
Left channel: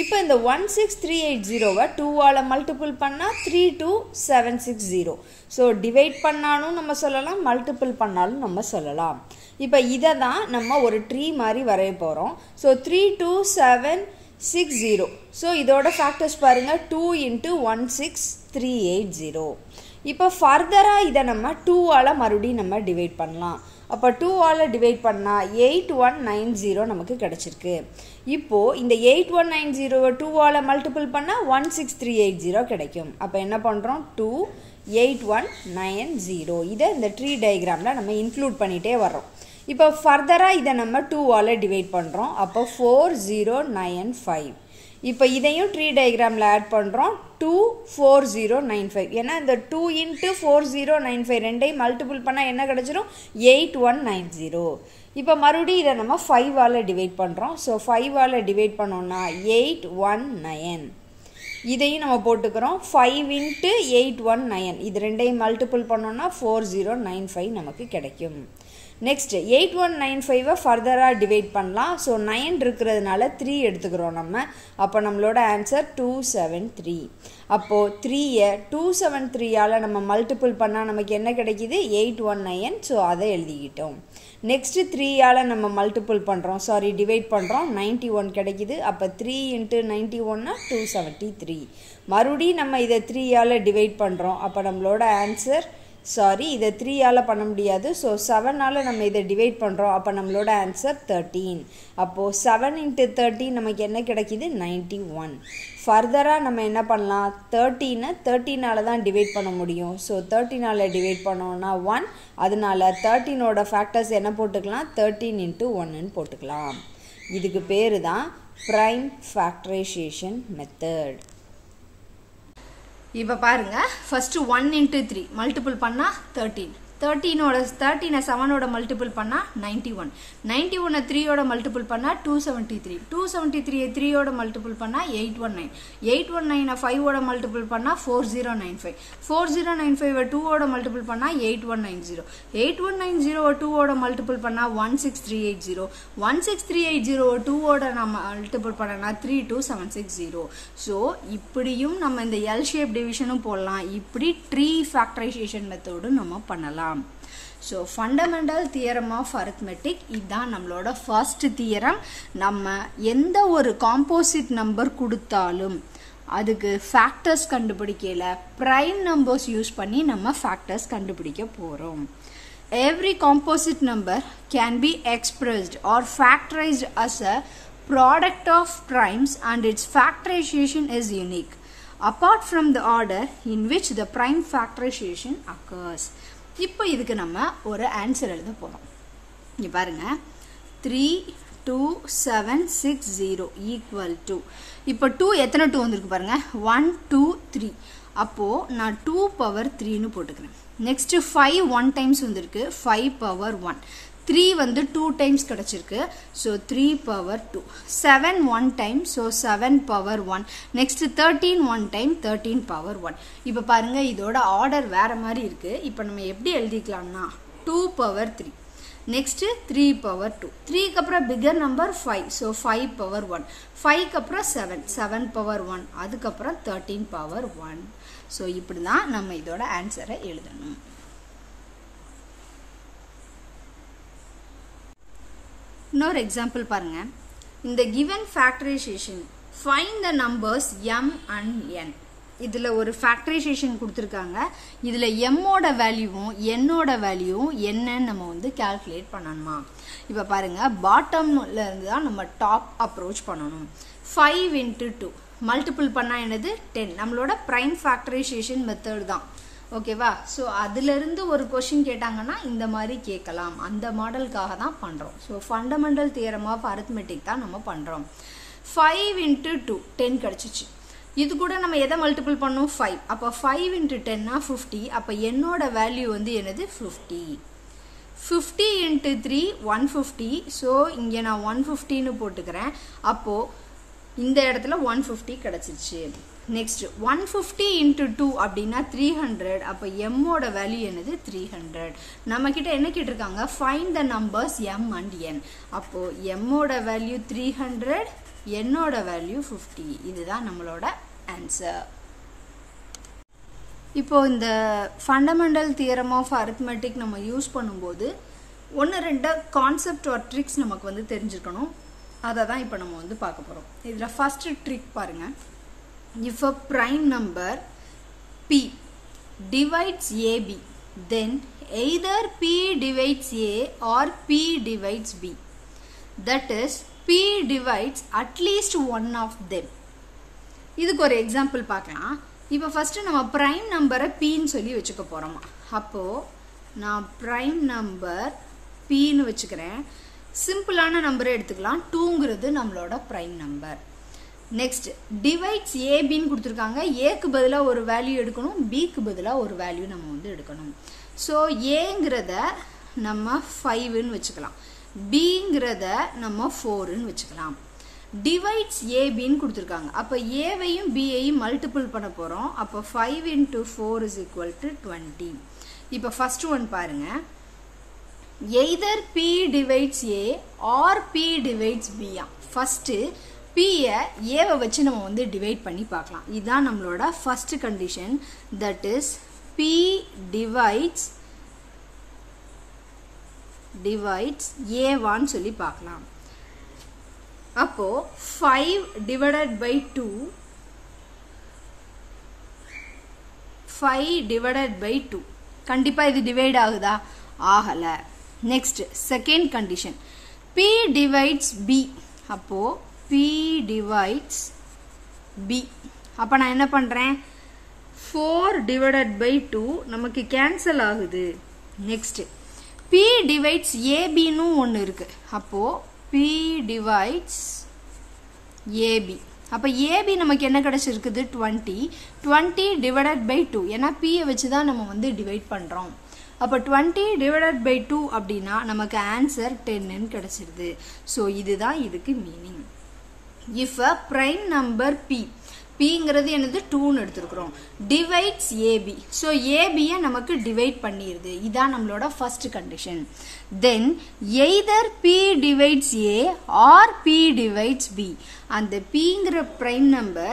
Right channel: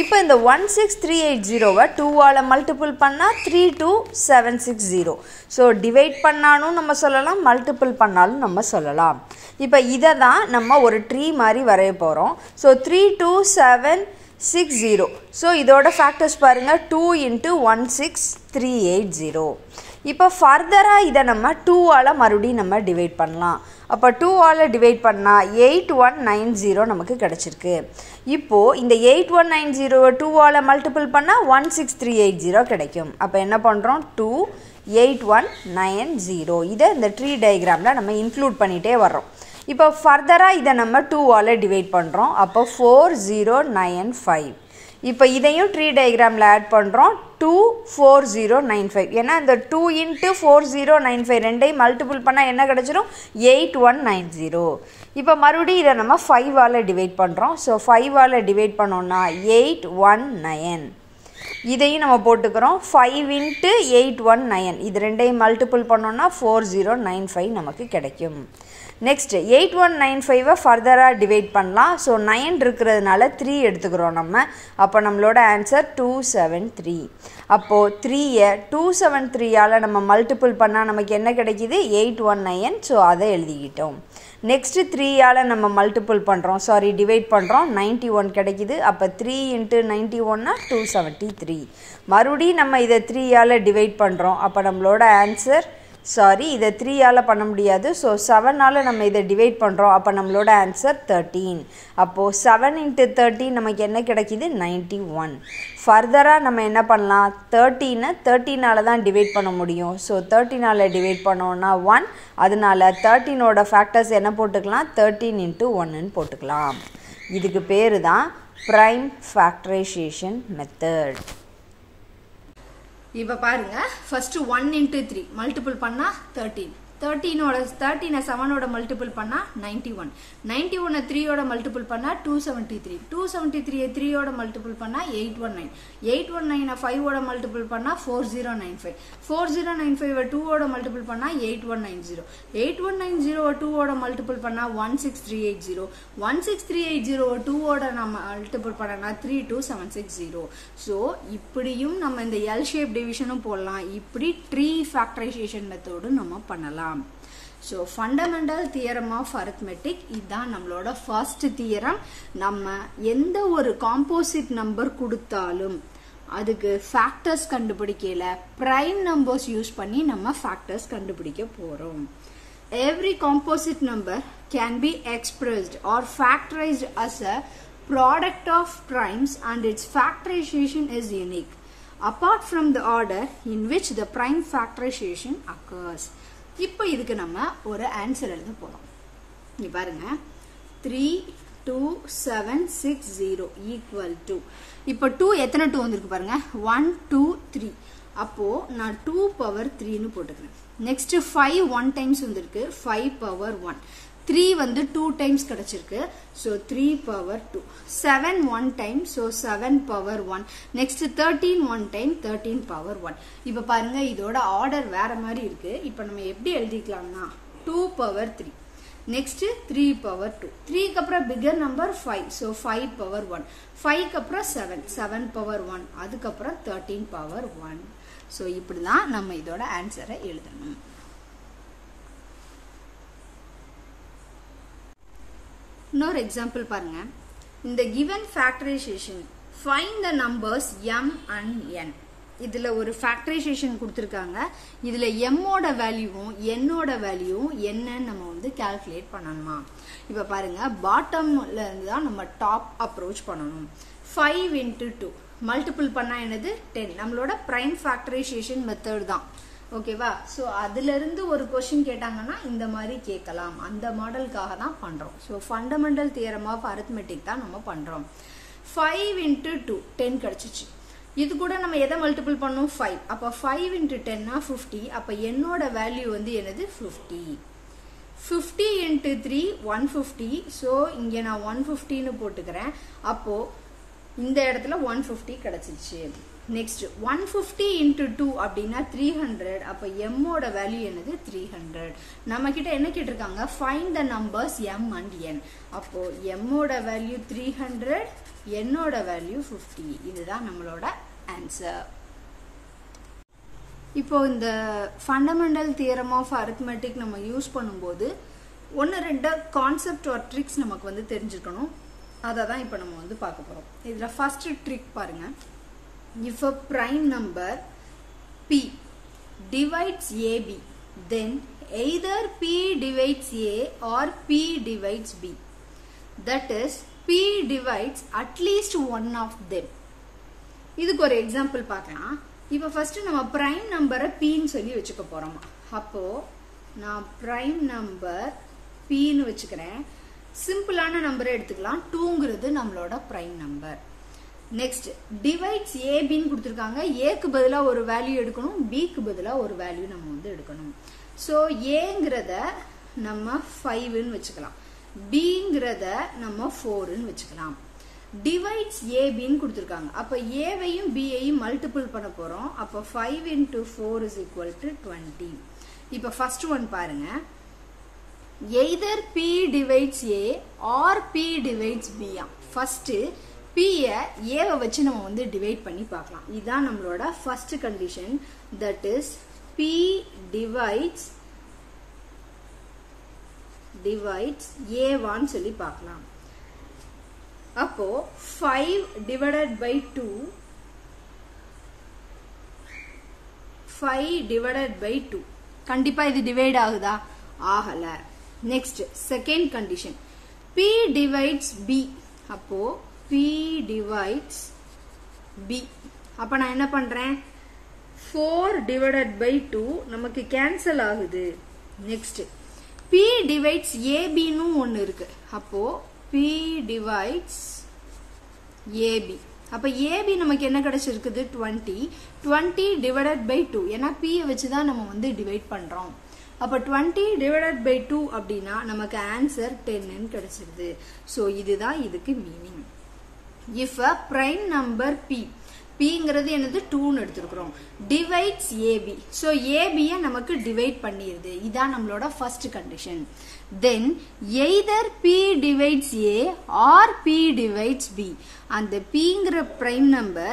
இப்போ இந்த 16380வை 2ஆல மல்டிபிள் பண்ணா 32760. ஸோ டிவைட் பண்ணாலும் நம்ம சொல்லலாம், மல்டிபிள் பண்ணாலும் நம்ம சொல்லலாம். இப்போ இதை தான் நம்ம ஒரு ட்ரீ மாதிரி வரைய போகிறோம். ஸோ 32760. ஸோ இதோட ஃபேக்டர்ஸ் பாருங்க, 2 into 16380. இப்போ ஃபர்தராக இதை நம்ம 2ஆல மறுபடியும் நம்ம டிவைட் பண்ணலாம். அப்போ 2ஆல டிவைட் பண்ணால் 8190 நமக்கு கிடைச்சிருக்கு. இப்போது இந்த 8190வை 2ஆல மல்டிபிள் பண்ணால் 16380 கிடைக்கும். அப்போ என்ன பண்ணுறோம்? 28190. இதை இந்த ட்ரீ டயக்ராமில் நம்ம இன்க்ளூட் பண்ணிகிட்டே வர்றோம். இப்போ ஃபர்தராக இதை நம்ம 2ஆல டிவைட் பண்ணுறோம். அப்போ 4095. இப்போ இதையும் ட்ரீ டயக்ராமில் ஆட் பண்ணுறோம். 24095. ஏன்னா இந்த 2 into 4095 ரெண்டையும் மல்டிபிள் பண்ணால் என்ன கிடைச்சிரும்? 8190. இப்போ மறுபடியும் இதை நம்ம 5ஆல டிவைட் பண்ணுறோம். ஸோ 5ஆல டிவைட் பண்ணோம்னா 819. இதையும் நம்ம போட்டுக்கிறோம். 5 into 819. இது ரெண்டையும் மல்டிபிள் பண்ணோம்னா 4095 நமக்கு கிடைக்கும். நெக்ஸ்ட் 8195வை ஃபர்தராக டிவைட் பண்ணலாம். ஸோ 9 இருக்கிறதுனால 3 எடுத்துக்கிறோம் நம்ம. அப்போ நம்மளோட ஆன்சர் 273. அப்போது 3யை 273ஆல் நம்ம மல்டிபிள் பண்ணால் நமக்கு என்ன கிடைக்கிது? 819. ஸோ அதை எழுதிக்கிட்டோம். நெக்ஸ்ட்டு 3ஆல் நம்ம மல்டிபிள் பண்ணுறோம், டிவைட் பண்ணுறோம். 91 கிடைக்கிது. அப்போ 3 into 91 273. மறுபடியும் நம்ம இதை 3ஆல் டிவைட் பண்ணுறோம். அப்போ நம்மளோட ஆன்சர் இதை 3ஆல பண்ண முடியாது. ஸோ 7ஆல நம்ம இதை டிவைட் பண்ணுறோம். அப்போ நம்மளோட ஆன்சர் 13. அப்போது 7 into 13 நமக்கு என்ன கிடைக்கிது? 91. ஃபர்தராக நம்ம என்ன பண்ணலாம்? 13ஆல தான் டிவைட் பண்ண முடியும். ஸோ 13ஆல டிவைட் பண்ணோம்னா 1. அதனால 13ஓட ஃபேக்டர்ஸ் என்ன போட்டுக்கலாம்? 13 into 1ன்னு போட்டுக்கலாம். இதுக்கு பேர் தான் பிரைம் ஃபேக்டரைசேஷன் மெத்தட். இப்ப பாருங்க, ஃபர்ஸ்ட் 1 into 3 மல்டிபிள் பண்ணா 13, 13 7 மல்டிபிள் பண்ணா 91, 91 3 மல்டிபிள் பண்ணா 273, 273 3 மல்டிபிள் பண்ணா 819, 819 5 மல்டிபிள் பண்ணா 4095, 4095 2 மல்டிபிள் பண்ணா 8190, 8190 2 மல்டிபிள் பண்ணா 16380, 16380 2 மல்டிபிள் பண்ணா 32760. சோ இப்படியும் நம்ம இந்த L ஷேப் டிவிஷனும் போடலாம், இப்படி ட்ரீ ஃபேக்டரைசேஷன் மெத்தடும் நம்ம பண்ணலாம். So fundamental theorem of arithmetic இதான் நம்மளோட first theorem. நம்ம எந்த ஒரு composite number கொடுத்தாலும் அதுக்கு factors கண்டுபிடிக்கல, prime numbers யூஸ் பண்ணி நம்ம factors கண்டுபிடிக்க போறோம். Every composite number can be expressed or factorized as a product of primes and its factorization is unique apart from the order in which the prime factorization occurs. இப்போ இதுக்கு நம்ம ஒரு answer எழுத போறோம். இங்க பாருங்க 32760 equal to, இப்போ 2 எத்தனை 2 வந்திருக்கு பாருங்க, 1 2 3. அப்போ நான் 2 பவர் 3 னு போட்டுக்கிறேன். நெக்ஸ்ட் 5 1 டைம்ஸ் வந்திருக்கு, 5 பவர் 1. 3 வந்து 2 டைம்ஸ் கிடைச்சிருக்கு, so 3 power 2. 7 1 time, so 7 power 1. Next 13 1 time, 13 power 1. இப்போ பாருங்க இதோட ஆர்டர் வேற மாதிரி இருக்கு. இப்போ நம்ம எப்படி எழுதிக்கலாம்னா 2 பவர் 3, நெக்ஸ்ட் 3 பவர் 2, 3 க்கு அப்புறம் பிகர் நம்பர் 5, so 5 பவர் 1, 5 க்கு அப்புறம் 7, 7 பவர் 1, அதுக்கு அப்புறம் 13 பவர் 1. so இப்படிதான் நம்ம இதோட ஆன்சரை எழுதணும். இன்னொரு எக்ஸாம்பிள் பாருங்க. இந்த given factorization find the numbers m and n. இதுல ஒரு factorization கொடுத்திருக்காங்க. இதுல m ஓட வேல்யூவும் n ஓட வேல்யூவும் என்னன்னு நம்ம வந்து கால்குலேட் பண்ணணுமா. இப்ப பாருங்க பாட்டம்ல இருந்து தான் நம்ம டாப் அப்ரோச் பண்ணணும். 5 into 2 மல்டிபிள் பண்ணா என்னது 10. நம்மளோட பிரைம் ஃபேக்டரைசேஷன் மெத்தட் தான். ஓகேவா. சோ அதுல இருந்து ஒரு क्वेश्चन கேட்டாங்கன்னா இந்த மாதிரி கேட்கலாம், அந்த மாடலுக்காக தான் பண்றோம். So fundamental theorem of arithmetic தான் நம்ம பண்றோம். 5 into 2 10 கிடைச்சிச்சு. இது கூட நம்ம எதை மல்டிபிள் பண்ணோம் 5. அப்ப 5 into 10 னா 50. அப்ப என்னோட வேல்யூ வந்து என்னது 50. 50 into 3 150. சோ இங்க நான் 150 னு போட்டுக்கிறேன். அப்போ இந்த இடத்துல 150 கிடைச்சிச்சு. நெக்ஸ்ட் 150 into 2 அப்படின்னா 300. அப்ப m ஓட வேல்யூ என்னது 300. நம்ம கிட்ட என்ன கேட்டிருக்காங்க, find the numbers m and n. அப்போ m ஓட வேல்யூ 300, n ஓட வேல்யூ 50. இதுதான் நம்மளோட ஆன்சர். இப்போ இந்த ஃபண்டமெண்டல் தியரம் ஆஃப் அரித்மெட்டிக் நம்ம யூஸ் பண்ணும்போது 1-2 கான்செப்ட் ஆர் ட்ரிக்ஸ் நமக்கு வந்து தெரிஞ்சுக்கணும். அதை தான் இப்போ நம்ம வந்து பார்க்க போறோம். இதுல ஃபர்ஸ்ட் ட்ரிக் பாருங்க. If a prime number p divides ab, then either p divides a or p divides b. That is, p divides at least one of them. இதுக்கு ஒரு எக்ஸாம்பிள் பார்க்கலாம். இப்போ ஃபர்ஸ்ட் நம்ம பிரைம் நம்பரை p ன்னு சொல்லி வச்சுக்க போறோம். அப்போ நான் பிரைம் நம்பர் p ன்னு வச்சுக்கிறேன். சிம்பிளான நம்பரை எடுத்துக்கலாம். 2ங்கிறது நம்மளோட பிரைம் நம்பர். நெக்ஸ்ட் டிவைட்ஸ் ஏபின்னு கொடுத்துருக்காங்க. ஏக்கு பதிலாக ஒரு வேல்யூ எடுக்கணும், பிக்கு பதிலாக ஒரு வேல்யூ நம்ம வந்து எடுக்கணும். ஸோ ஏங்கிறத நம்ம 5ன்னு வச்சுக்கலாம், பிங்கிறத நம்ம 4ன்னு வச்சுக்கலாம். டிவைட்ஸ் ஏபின்னு கொடுத்துருக்காங்க. அப்போ ஏவையும் பியையும் மல்டிபிள் பண்ண போகிறோம். அப்போ 5 into 4 is equal to 20. இப்போ ஃபர்ஸ்ட் ஒன் பாருங்க. either p divides a or p divides b. First p ஏவை வச்சு நம்ம வந்து டிவைட் பண்ணி பார்க்கலாம். இதுதான் நம்மளோட first condition. That is p divides a1 சொல்லி பார்க்கலாம். அப்போ 5 divided by 2, 5 divided by 2 கண்டிப்பா இது டிவைட் ஆகுதா, ஆகல. Next second condition p divides b. அப்போ p divides b. அப்ப நான் என்ன பண்றேன், 4 divided by 2 நமக்கு கேன்சல் ஆகுது. நெக்ஸ்ட் p divides ab ன்னு ஒன்னு இருக்கு. அப்போ p divides ab. அப்ப ab நமக்கு என்ன கிடைச்சிருக்குது 20. 20 divided by 2. ஏன்னா p வச்சு தான் நம்ம வந்து டிவைட் பண்றோம். அப்ப 20 டிவைடட் பை 2 அப்படின்னா நமக்கு ஆன்சர் 10 கிடைச்சிருது. சோ இதுதான் இதுக்கு meaning. If a prime number p Pங்கிறது என்னது 2ன்னு எடுத்துக்கிறோம், divides AB. So AB நமக்கு divide பண்ணிருது. இதான் நம்மளோட first condition. Then either P divides A or P divides B. அந்த Pங்கிற prime number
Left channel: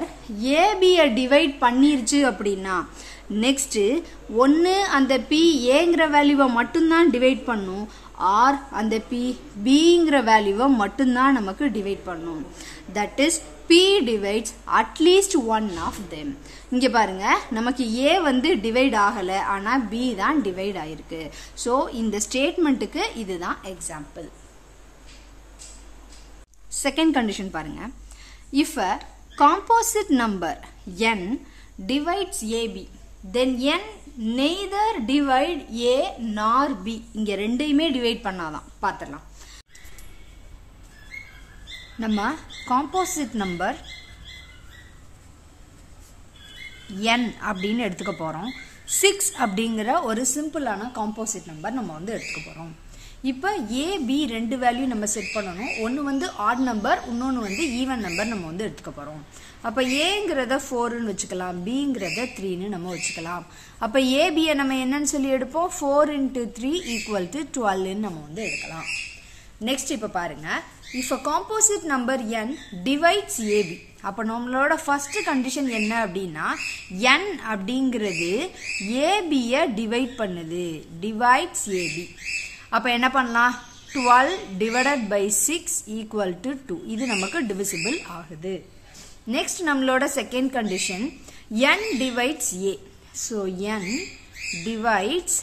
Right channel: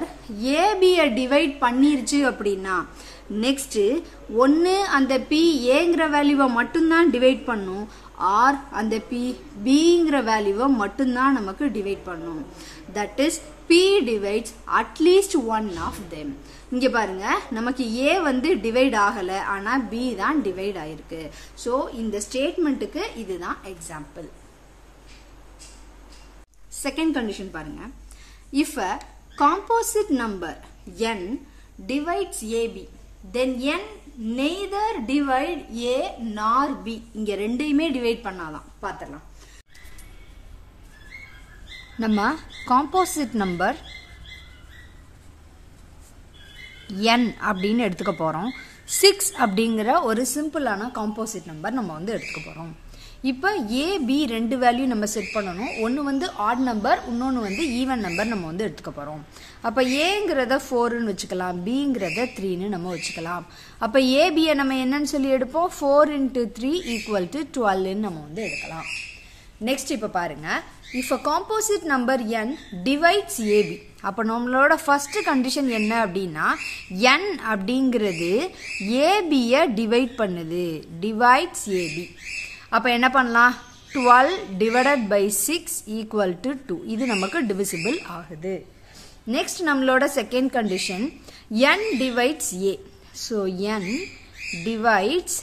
AB divide பண்ணிருச்சு அப்படின்னா next ஒன்னு அந்த P Aங்கிற வேல்யூவை மட்டும்தான் divide பண்ணும், or அந்த P Bங்கிற வேல்யூவை மட்டும்தான் நமக்கு divide பண்ணும். That is P divides at least one of them. இங்க பாருங்க, நமக்கு A வந்து டிவைட் ஆகல, ஆனா B தான் டிவைட் ஆயிருக்கு. சோ இந்த ஸ்டேட்மெண்ட்டுக்கு இதுதான் எக்ஸாம்பிள். செகண்ட் கண்டிஷன் பாருங்க. If a composite number n divides AB, then n neither divide A nor B. இங்க ரெண்டையுமே டிவைட் பண்ணாதான். பாத்துடலாம். நம்ம காம்போசிட் நம்பர் n அப்படின்னு எடுத்துக்க போறோம். 6 அப்படிங்கிற ஒரு சிம்பிளான காம்போசிட் நம்பர் நம்ம வந்து எடுத்துக்க போறோம். இப்போ A B ரெண்டு வேல்யூ நம்ம செட் பண்ணணும். ஒன்னு வந்து ஆட் நம்பர், இன்னொன்னு வந்து ஈவன் நம்பர் நம்ம வந்து எடுத்துக்க போறோம். அப்ப Aங்கிறத 4ன்னு வச்சுக்கலாம், Bங்கிறத 3ன்னு நம்ம வச்சுக்கலாம். அப்ப AB நம்ம என்னன்னு சொல்லி எடுப்போம், 4 into 3 equal to 12ன்னு நம்ம வந்து எடுக்கலாம். நெக்ஸ்ட் இப்ப பாருங்க, if a composite number n divides AB, அப்ப நம்மளோட ஃபர்ஸ்ட் கண்டிஷன் என்ன அப்படின்னா n அப்படிங்கிறது AB டிவைட் பண்ணுது, divides AB. அப்ப என்ன பண்ணலாம், 12 divided by 6 equal to 2. இது நமக்கு divisible ஆகுது. நெக்ஸ்ட் நம்மளோட second condition n divides A. so n divides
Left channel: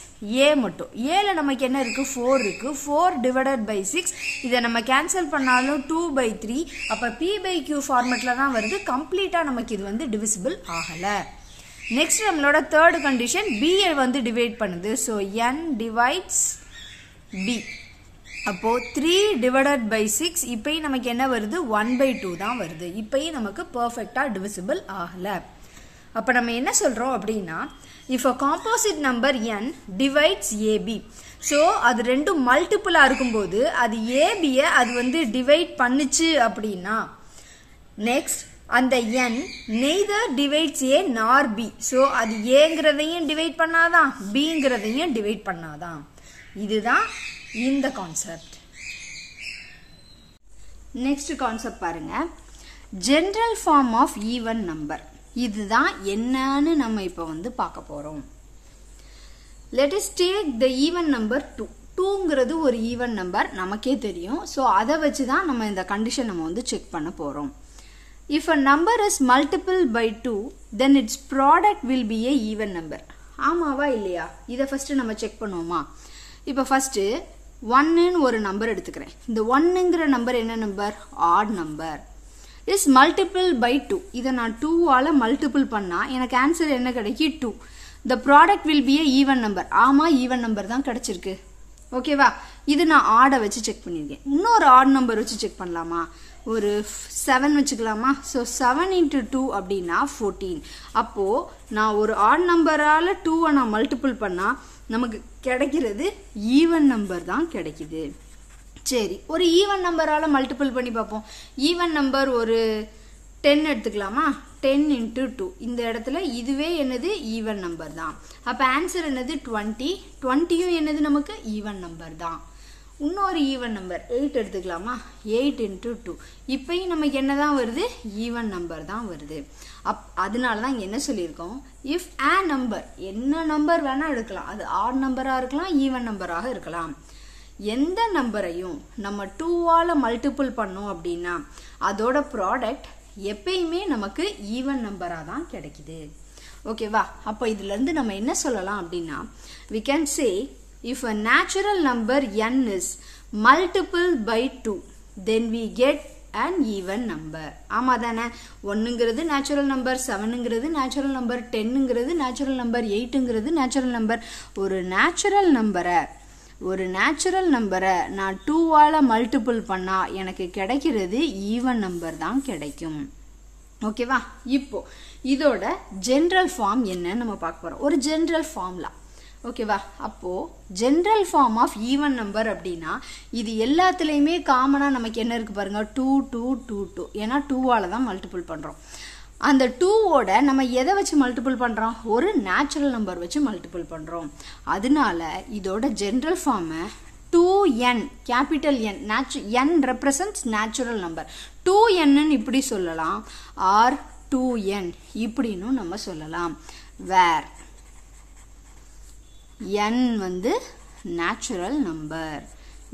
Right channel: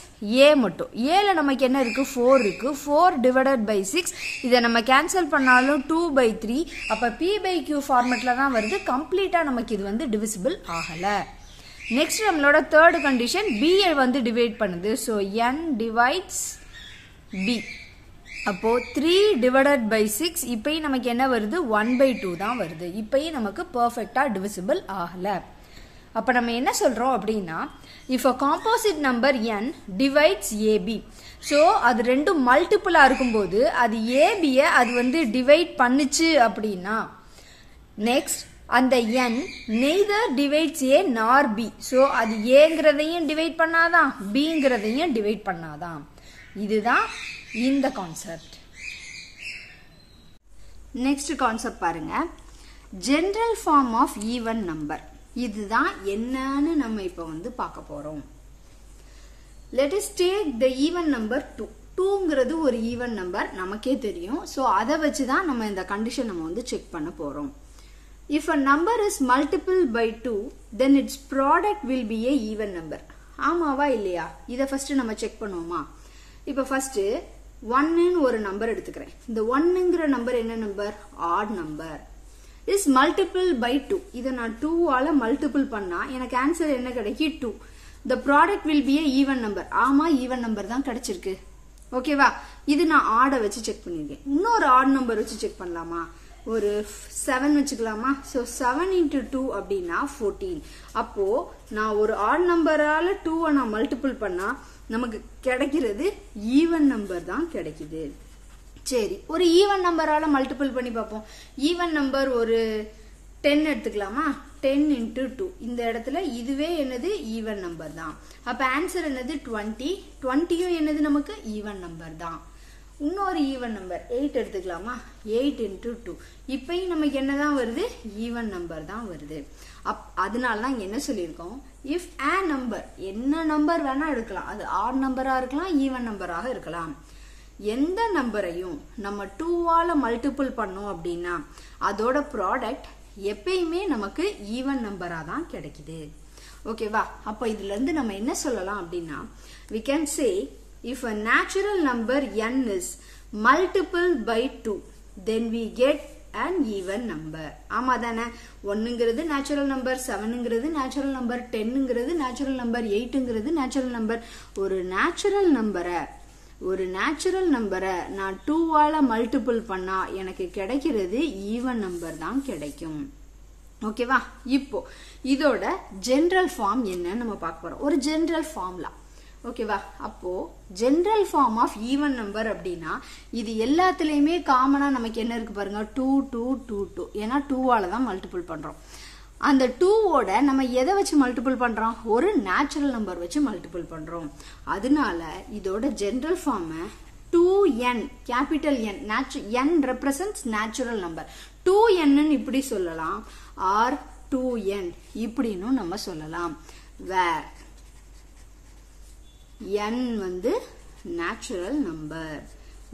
A மட்டும். Aல நமக்கு என்ன இருக்கு, 4 இருக்கு. 4 divided by 6, இதை நம்ம கேன்சல் பண்ணாலும் 2 by 3. அப்ப P by Q ஃபார்மேட்ல தான் வருது. கம்ப்ளீட்டா நமக்கு இது வந்து டிவிசிபிள் ஆகல. நெக்ஸ்ட் நம்மளோட தேர்ட் கண்டிஷன் B வந்து டிவைட் பண்ணுது. so n divides B. அப்போ 3 divided by 6, இப்பயும் நமக்கு என்ன வருது, 1 by 2 தான் வருது. இப்பயும் நமக்கு பெர்ஃபெக்ட்டா டிவிசிபிள் ஆகல. அப்ப நம்ம என்ன சொல்றோம் அப்படின்னா, if a composite number n divides AB, so அது ரெண்டும் மல்டிபிளா இருக்கும்போது அது AB அது வந்து டிவைட் பண்ணுச்சு அப்படின்னா, நெக்ஸ்ட் அந்த n neither divides A nor B, so அது Aங்கிறதையும் டிவைட் பண்ணாதான், Bங்கிறதையும் டிவைட் பண்ணாதான். இதுதான் இந்த கான்செப்ட். நெக்ஸ்ட் கான்செப்ட் பாருங்க, general form of even number. இதுதான் என்னன்னு நம்ம இப்ப வந்து பார்க்க போறோம். Let us take the even number 2. 2ங்கிறது ஒரு ஈவன் நம்பர், நமக்கே தெரியும். சோ அதை வச்சுதான் நம்ம இந்த கண்டிஷன் நம்ம வந்து செக் பண்ண போறோம். If a number is multiple by 2, then its product will be a even number. ஆமாவா இல்லையா? இதை ஃபர்ஸ்ட் நம்ம செக் பண்ணுவோமா? இப்ப ஃபர்ஸ்ட் 1ன்னு ஒரு நம்பர் எடுத்துக்கிறேன். இந்த 1ங்கிற நம்பர் என்ன number, add number. is multiple by 2. இதை நான் 2 ஆல மல்டிபிள் பண்ணா எனக்கு ஆன்சர் என்ன கிடைக்கும், 2. the product will be a even number. ஆமா, ஈவன் நம்பர் தான் கிடைச்சிருக்கு. ஓகேவா? இது நான் ஆட வச்சு செக் பண்ணிருக்கேன். இன்னொரு ஆட் நம்பர் வச்சு செக் பண்ணலாமா, ஒரு 7 வச்சுக்கலாமா? so 7 into 2 அப்படின்னா 14. அப்போ நான் ஒரு ஆட் நம்பரால 2 நான் மல்டிபிள் பண்ணா நமக்கு கிடைக்கிறது ஈவன் நம்பர் தான் கிடைக்குது. சரி, ஒரு ஈவன் நம்பரால மல்டிபிள் பண்ணி பார்ப்போம். ஈவன் நம்பர் ஒரு 10 எடுத்துக்கலாமா? 10 into 2. இந்த இடத்துல இதுவே என்னது, ஈவன் நம்பர் தான். அப்ப ஆன்சர் என்னது, 20. 20யும் என்னது, நமக்கு ஈவன் நம்பர் தான். இன்னொரு ஈவன் நம்பர் 8 எடுத்துக்கலாமா? 8 into 2. இப்பயும் நமக்கு என்னதான் வருது, ஈவன் நம்பர் தான் வருது. அதனாலதான் என்ன சொல்லியிருக்கோம், இஃப் a நம்பர், என்ன நம்பர் வேணா எடுக்கலாம், அது ஆட் நம்பரா இருக்கலாம், ஈவன் நம்பராக இருக்கலாம். எந்த நம்பரையும் நம்ம 2 ஆல மல்டிபிள் பண்ணோம் அப்படின்னா அதோட ப்ராடக்ட் எப்பயுமே நமக்கு ஈவன் நம்பரா தான் கிடைக்குது. ஓகேவா? அப்ப இதுல இருந்து நம்ம என்ன சொல்லலாம் அப்படின்னா, we can say if a natural number n is multiple by 2, then we get an even number. ஆமா தானே? 1ங்கிறது நேச்சுரல் நம்பர், 7ங்கிறது நேச்சுரல் நம்பர், 10ங்கிறது நேச்சுரல் நம்பர், 8ங்கிறது நேச்சுரல் நம்பர். ஒரு நேச்சுரல் நம்பரை நான் 2 ஆல மல்டிபிள் பண்ணா எனக்கு கிடைக்கிறது ஈவன் நம்பர் தான் கிடைக்கும். ஓகேவா? இப்போ இதோட ஜெனரல் ஃபார்ம் என்ன நம்ம பார்க்க போறோம். ஒரு ஜெனரல் ஃபார்முலா, ஓகேவா? அப்போ general form of even number அப்படின்னா இது எல்லாத்துலயுமே காமனா நமக்கு என்ன இருக்கு பாருங்க, 2 2 2 2. ஏன்னா 2ஆல தான் மல்டிபிள் பண்றோம். அந்த 2ஓட நம்ம எதை வச்சு மல்டிபிள் பண்றோம்? ஒரு நேச்சுரல் நம்பர் வச்சு மல்டிபிள் பண்றோம். அதனால இதோட general form 2n, capital N, n represents natural number. 2n இப்படி சொல்லலாம், or 2n இப்படின்னு நம்ம சொல்லலாம். where n வந்து natural number.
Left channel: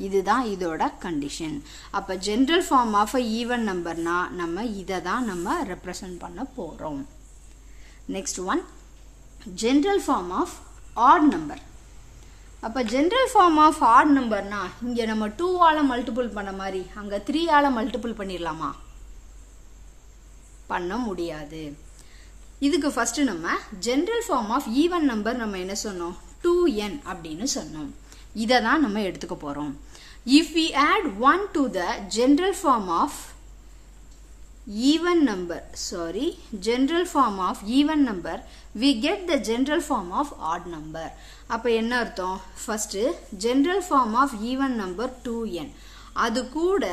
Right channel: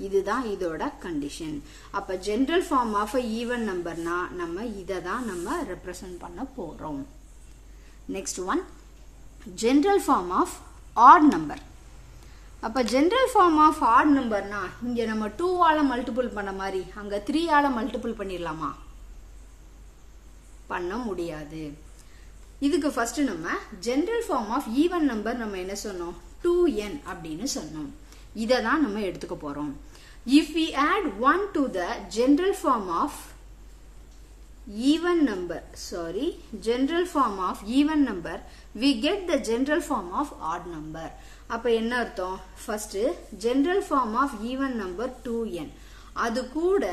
இதுதான் இதோட கண்டிஷன். அப்ப ஜெனரல் ஃபார்ம் ஆஃப் ஈவன் நம்பர்னா நம்ம இதை தான் நம்ம ரெப்ரசன்ட் பண்ண போறோம். Next one, general form of odd number. அப்ப ஜெனரல் ஃபார்ம் ஆஃப் ஆட் நம்பர்னா இங்க நம்ம 2ஆல மல்டிபிள் பண்ண மாதிரி அங்க 3ஆல மல்டிபிள் பண்ணிடலாமா? பண்ண முடியாது. இதுக்கு ஃபர்ஸ்ட் நம்ம general form of even number நம்ம என்ன சொன்னோம்? 2n அப்படின்னு சொன்னோம். இதை தான் நம்ம எடுத்துக்க போறோம். If we add 1 to the general form of even number, general form of even number, we get the general form of odd number. அப்ப என்ன அர்த்தம்? first general form of even number 2n, அது கூட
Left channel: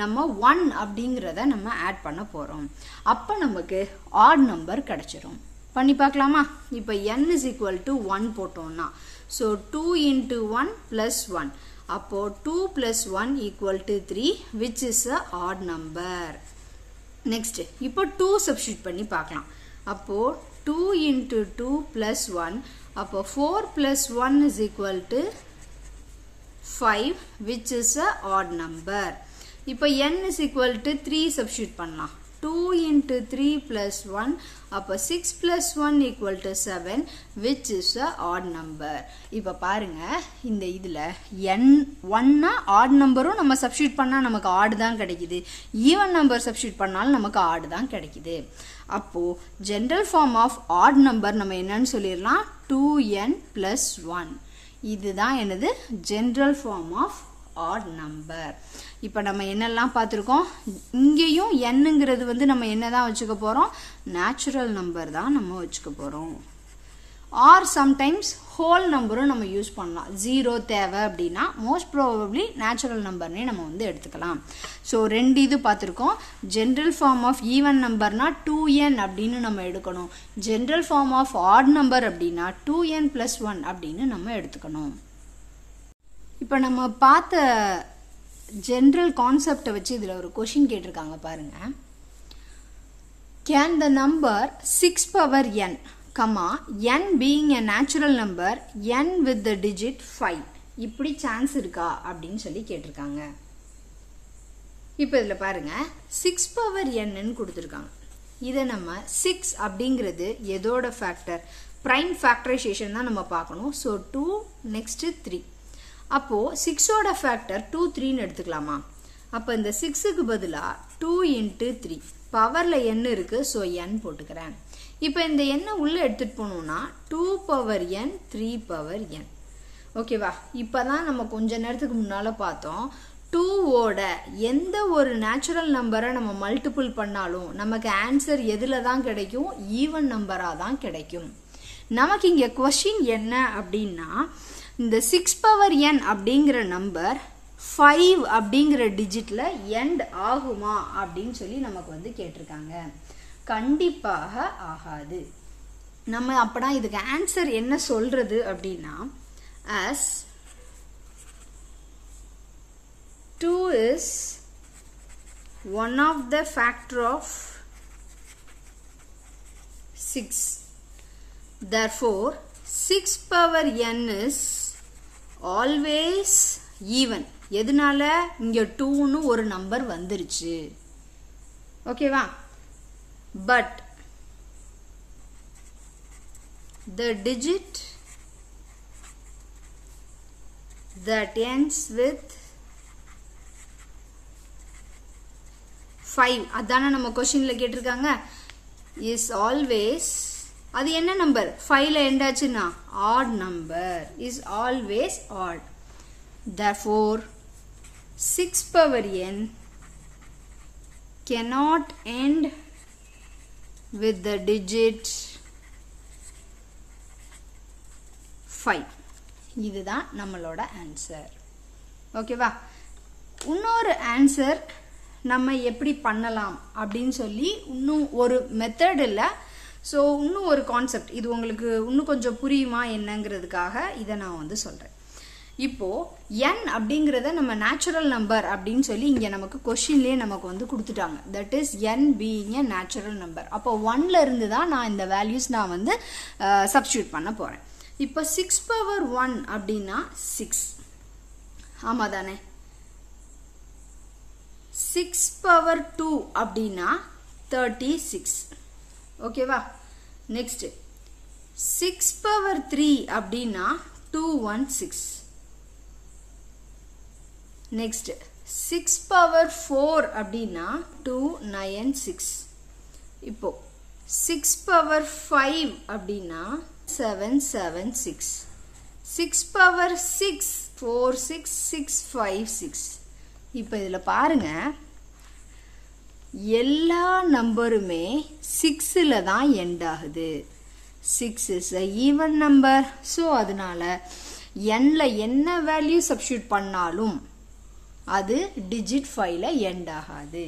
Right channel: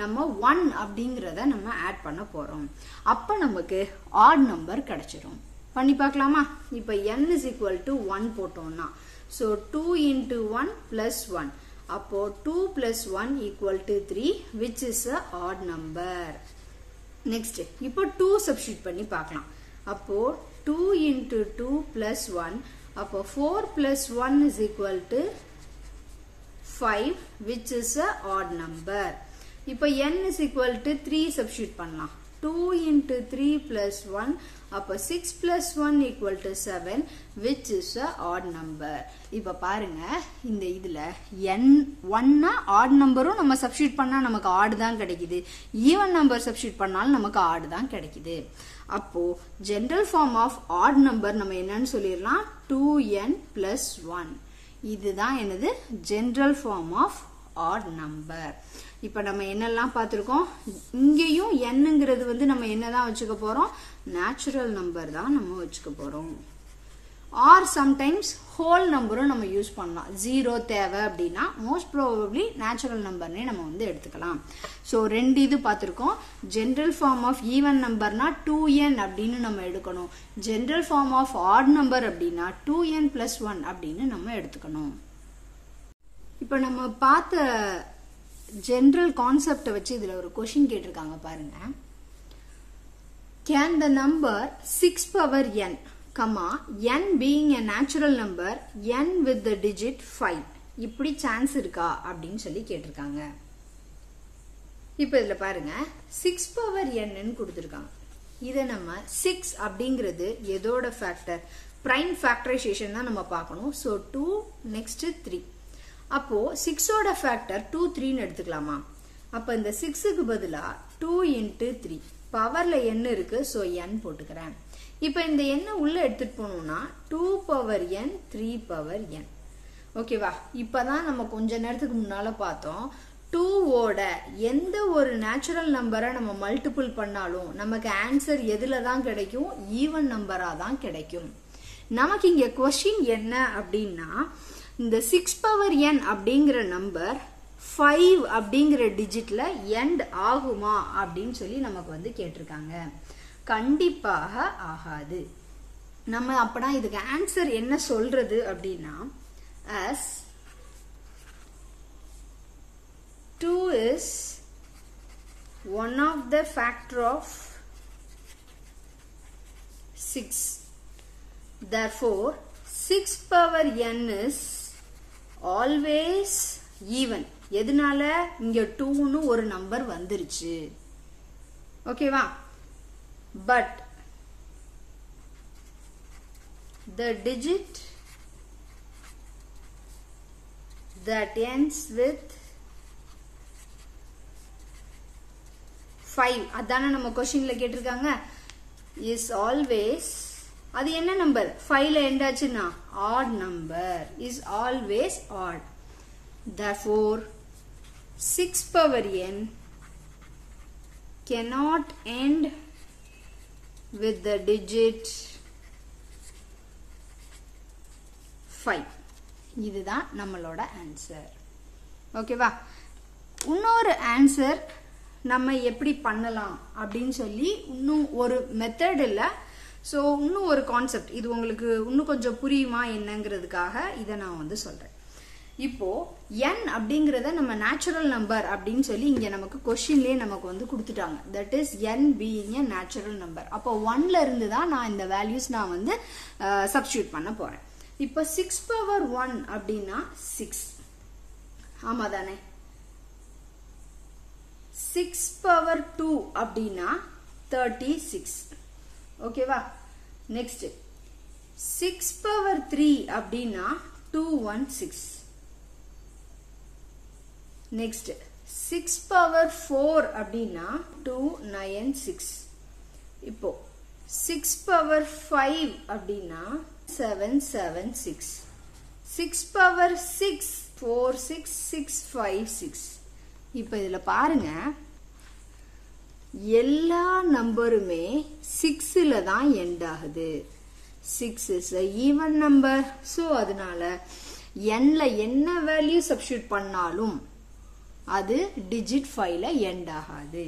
நம்ம 1 அப்படிங்கறத நம்ம ஆட் பண்ண போறோம். அப்ப நமக்கு odd number கிடைச்சிரும். பண்ணி பார்க்கலாமா? இப்ப n is equal to 1 போட்டோம்னா, so 2 into 1 plus 1. அப்போ 2 plus 1 equal to 3, which is a odd number. Next, இப்போ 2 substitute பண்ணி பார்க்கலாம். அப்போ 2 into 2 plus 1. அப்போ 4 plus 1 is equal to 5, which is a odd number. இப்போ n is equal to 3 substitute பண்ணலாம். 2 into 3 plus 1. அப்போ 6 plus 1 equal to 7, which is a odd number. இப்ப பாருங்க, இந்த இதுல n 1னா odd நம்பரும் நம்ம சப்ஸ்டிட்யூட் பண்ணா நமக்கு odd தான் கிடைக்குது. ஈவன் நம்பர் சப்ஸ்டிட்யூட் பண்ணாலும் நமக்கு odd தான் கிடைக்குது. அப்போ general form of odd number நம்ம என்னன்னு சொல்லிடலாம்? 2n plus 1. இதுதான் என்னது? General form of odd number. இப்ப நம்ம என்னெல்லாம் பார்த்திருக்கோம்? இங்கேயும் nங்கிறது வந்து நம்ம என்னதான் வச்சுக்க போறோம்? நேச்சுரல் நம்பர் தான் நம்ம வச்சுக்க போறோம். ஆர் சம்டைம்ஸ் ஹோல் நம்பரும் நம்ம யூஸ் பண்ணலாம். 0 தேவை அப்படின்னா மோஸ்ட் ப்ராபப்ளி நேச்சுரல் நம்பர்னே நம்ம வந்து எடுத்துக்கலாம். ஸோ ரெண்டு இது பார்த்திருக்கோம். ஜெனரல் ஃபார்ம் ஆஃப் ஈவன் நம்பர்னா 2n அப்படின்னு நம்ம எடுக்கணும். General form of odd number அப்படின்னா 2n plus 1 அப்படின்னு நம்ம எடுத்துக்கணும். இப்ப நம்ம பார்த்த ஜெனரல் கான்செப்டை வச்சு இதுல ஒரு கொஸ்டின் கேட்டிருக்காங்க பாருங்க. Can the number 6 power n, n being a natural number, n with the digit 5, இப்படி சான்ஸ் இருக்கா அப்படின்னு சொல்லி கேட்டிருக்காங்க. இப்ப இதுல பாருங்க 6 power n ன்னு கொடுத்திருக்காங்க. இதை நம்ம 6 அப்படிங்கிறது எதோட ஃபேக்டர்? பிரைம் ஃபேக்டரைசேஷன் தான் நம்ம பார்க்கணும். So 2 next 3. அப்போ 6ஓட ஃபேக்டர் 2 3ன்னு எடுத்துக்கலாமா? அப்ப இந்த 6க்கு பதிலா 2 into 3, பவர்ல n இருக்கு, ஸோ n போட்டுக்கிறேன். இப்ப இந்த n உள்ள எடுத்துட்டு போனோம்னா 2 power n 3 power n. ஓகேவா? இப்பதான் நம்ம கொஞ்ச நேரத்துக்கு முன்னால பார்த்தோம், 2ஓட எந்த ஒரு நேச்சுரல் நம்பரை நம்ம மல்டிபிள் பண்ணாலும் நமக்கு ஆன்சர் எதுல தான் கிடைக்கும்? ஈவன் நம்பரா தான் கிடைக்கும். நமக்கு இங்க கொஸ்டின் என்ன அப்படின்னா, இந்த 6 power n அப்படிங்கிற நம்பர் 5 அப்படிங்கிற டிஜிட்ல எண்ட் ஆகுமா அப்படின்னு சொல்லி நமக்கு வந்து கேட்டிருக்காங்க. கண்டிப்பாக ஆகாது. நம்ம அப்படா இதுக்கு ஆன்சர் என்ன சொல்றது அப்படின்னா, as 2 is one of the factor of 6. Therefore 6 power n is always even. எதனால? இங்க 2ன்னு ஒரு நம்பர் வந்துருச்சு. ஓகேவா? But the digit that ends with 5, அதான நம்ம क्वेश्चनல கேட்டிருக்காங்க, is always, அது என்ன நம்பர்? 5ல எண்ட் ஆச்சுன்னா odd number, is always odd. Therefore 6 power n cannot end with the digit 5. இதுதான் நம்மளோட ஆன்சர். ஓகேவா? இன்னொரு ஆன்சர் நம்ம எப்படி பண்ணலாம் அப்படின்னு சொல்லி இன்னும் ஒரு மெத்தட் இல்லை, ஸோ இன்னும் ஒரு கான்செப்ட், இது உங்களுக்கு இன்னும் கொஞ்சம் புரியுமா என்னங்கிறதுக்காக இதை நான் வந்து சொல்றேன். இப்போ n அப்படிங்கறத நம்ம நேச்சுரல் நம்பர் அப்படின்னு சொல்லி இங்க நமக்கு கொஸ்டின்லயே நமக்கு வந்து கொடுத்துட்டாங்க. That is n being a natural number. அப்போ 1ல இருந்து தான் நான் இந்த வேல்யூஸ் நான் வந்து சப்ஸ்டிட்யூட் பண்ண போறேன். இப்போ 6 power 1 அப்படின்னா 6, ஆமா தானே? 6 power 2 அப்படின்னா 36. ஓகேவா? நெக்ஸ்ட் 6 power 3 அப்படின்னா 216. நெக்ஸ்ட் 6 power 4 அப்படின்னா 296. இப்போ 6 power 5 அப்படின்னா 776. 6 power 6 46656. இப்போ இதுல பாருங்க, எல்லா நம்பருமே 6ல தான் எண்ட் ஆகுது. 6 is a even number. So அதனால nல என்ன வேல்யூ சப்ஸ்டிட்யூட் பண்ணாலும் அது digit 5ல எண்ட் ஆகாது.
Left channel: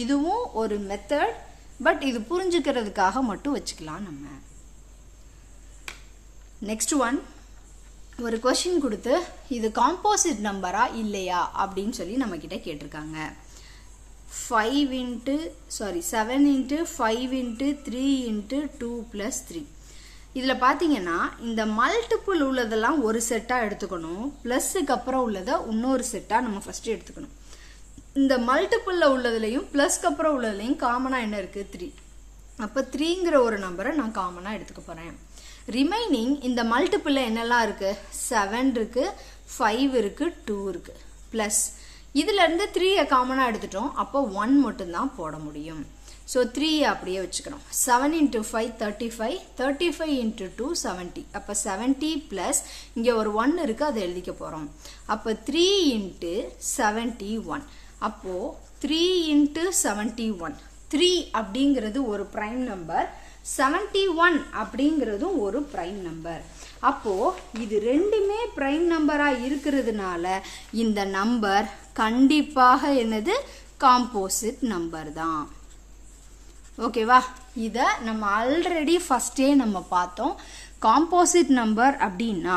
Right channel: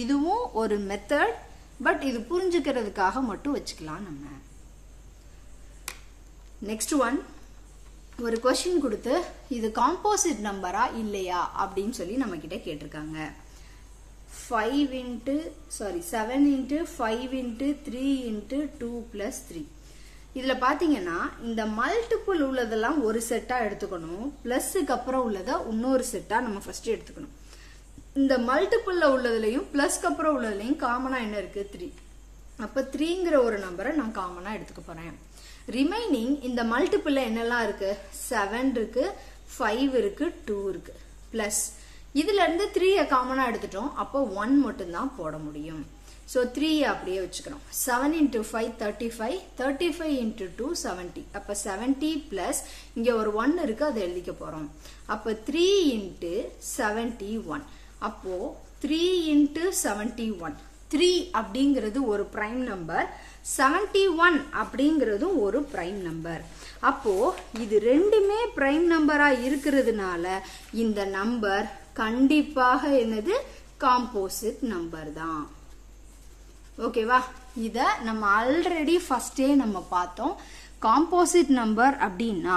இதுவும் ஒரு மெத்தட், பட் இது புரிஞ்சுக்கிறதுக்காக மட்டும் வச்சுக்கலாம் நம்ம. நெக்ஸ்ட் ஒன், ஒரு கொஸ்டின் கொடுத்து இது காம்போசிட் நம்பரா இல்லையா அப்படின்னு சொல்லி நம்ம கிட்ட கேட்டிருக்காங்க. 7 into 5 into 3 into 2 plus 3. இதுல பாத்தீங்கன்னா இந்த மல்டிபிள் உள்ளதெல்லாம் ஒரு செட்டா எடுத்துக்கணும், பிளஸ்க்கு அப்புறம் உள்ளத இன்னொரு செட்டா நம்ம ஃபர்ஸ்ட் எடுத்துக்கணும். இந்த மல்டிபிள்ல உள்ளதுலயும் பிளஸ்க்கு அப்புறம் உள்ளதுலயும் காமனா என்ன இருக்கு? 3. அப்ப 3ங்கிற ஒரு நம்பரை நான் காமனா எடுத்துக்க போறேன். ரிமைனிங் இந்த மல்டிபிள்ல என்னெல்லாம் இருக்கு? 7 இருக்கு, 5 இருக்கு, 2 இருக்கு. பிளஸ் இதுல இருந்து 3 காமனா எடுத்துட்டோம், அப்போ 1 மட்டும் தான் போட முடியும். So 3 அப்படியே வச்சுக்கணும். 7 into 5 35, 35 into 2 70. அப்ப 70 plus இங்க ஒரு 1 இருக்கு, அதை எழுதிக்க போறோம். அப்ப 3 into 71. அப்போ 3 into 71. 3 அப்படிங்கிறது ஒரு பிரைம் நம்பர், 71 அப்படிங்கிறதும் ஒரு பிரைம் நம்பர். அப்போ இது ரெண்டுமே பிரைம் நம்பரா இருக்கிறதுனால இந்த நம்பர் கண்டிப்பாக என்னது? காம்போசிட் நம்பர் தான். ஓகேவா? இத நம்ம ஆல்ரெடி ஃபர்ஸ்டே நம்ம பார்த்தோம். காம்போசிட் நம்பர் அப்படின்னா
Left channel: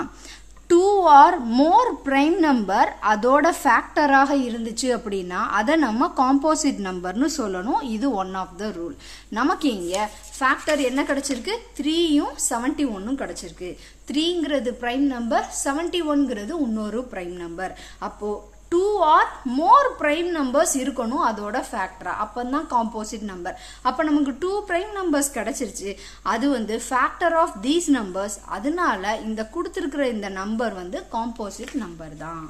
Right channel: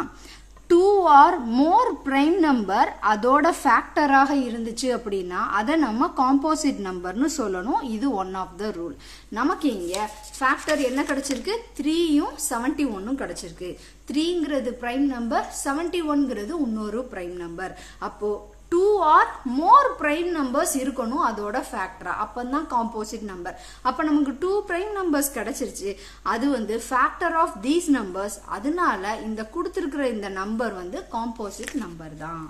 2 or more பிரைம் நம்பர் அதோட ஃபேக்டராக இருந்துச்சு அப்படின்னா அதை நம்ம காம்போசிட் நம்பர்னு சொல்லணும். இது ஒன் ஆஃப் த ரூல். நமக்கு இங்க ஃபேக்டர் என்ன கிடைச்சிருக்கு? 3யும் 71ம் கிடைச்சிருக்கு. 3ங்கிறது பிரைம் நம்பர், 71ங்கிறது இன்னொரு பிரைம் நம்பர். அப்போ 2 or more prime numbers இருக்கணும் அதோட ஃபேக்டரா, அப்பதான் காம்போசிட் நம்பர். அப்ப நமக்கு 2 prime numbers கிடைச்சிருச்சு, அது வந்து ஃபேக்டர் ஆஃப் தீஸ் நம்பர்ஸ். அதனால இந்த கொடுத்திருக்கிற இந்த நம்பர் வந்து காம்போசிட் நம்பர் தான்.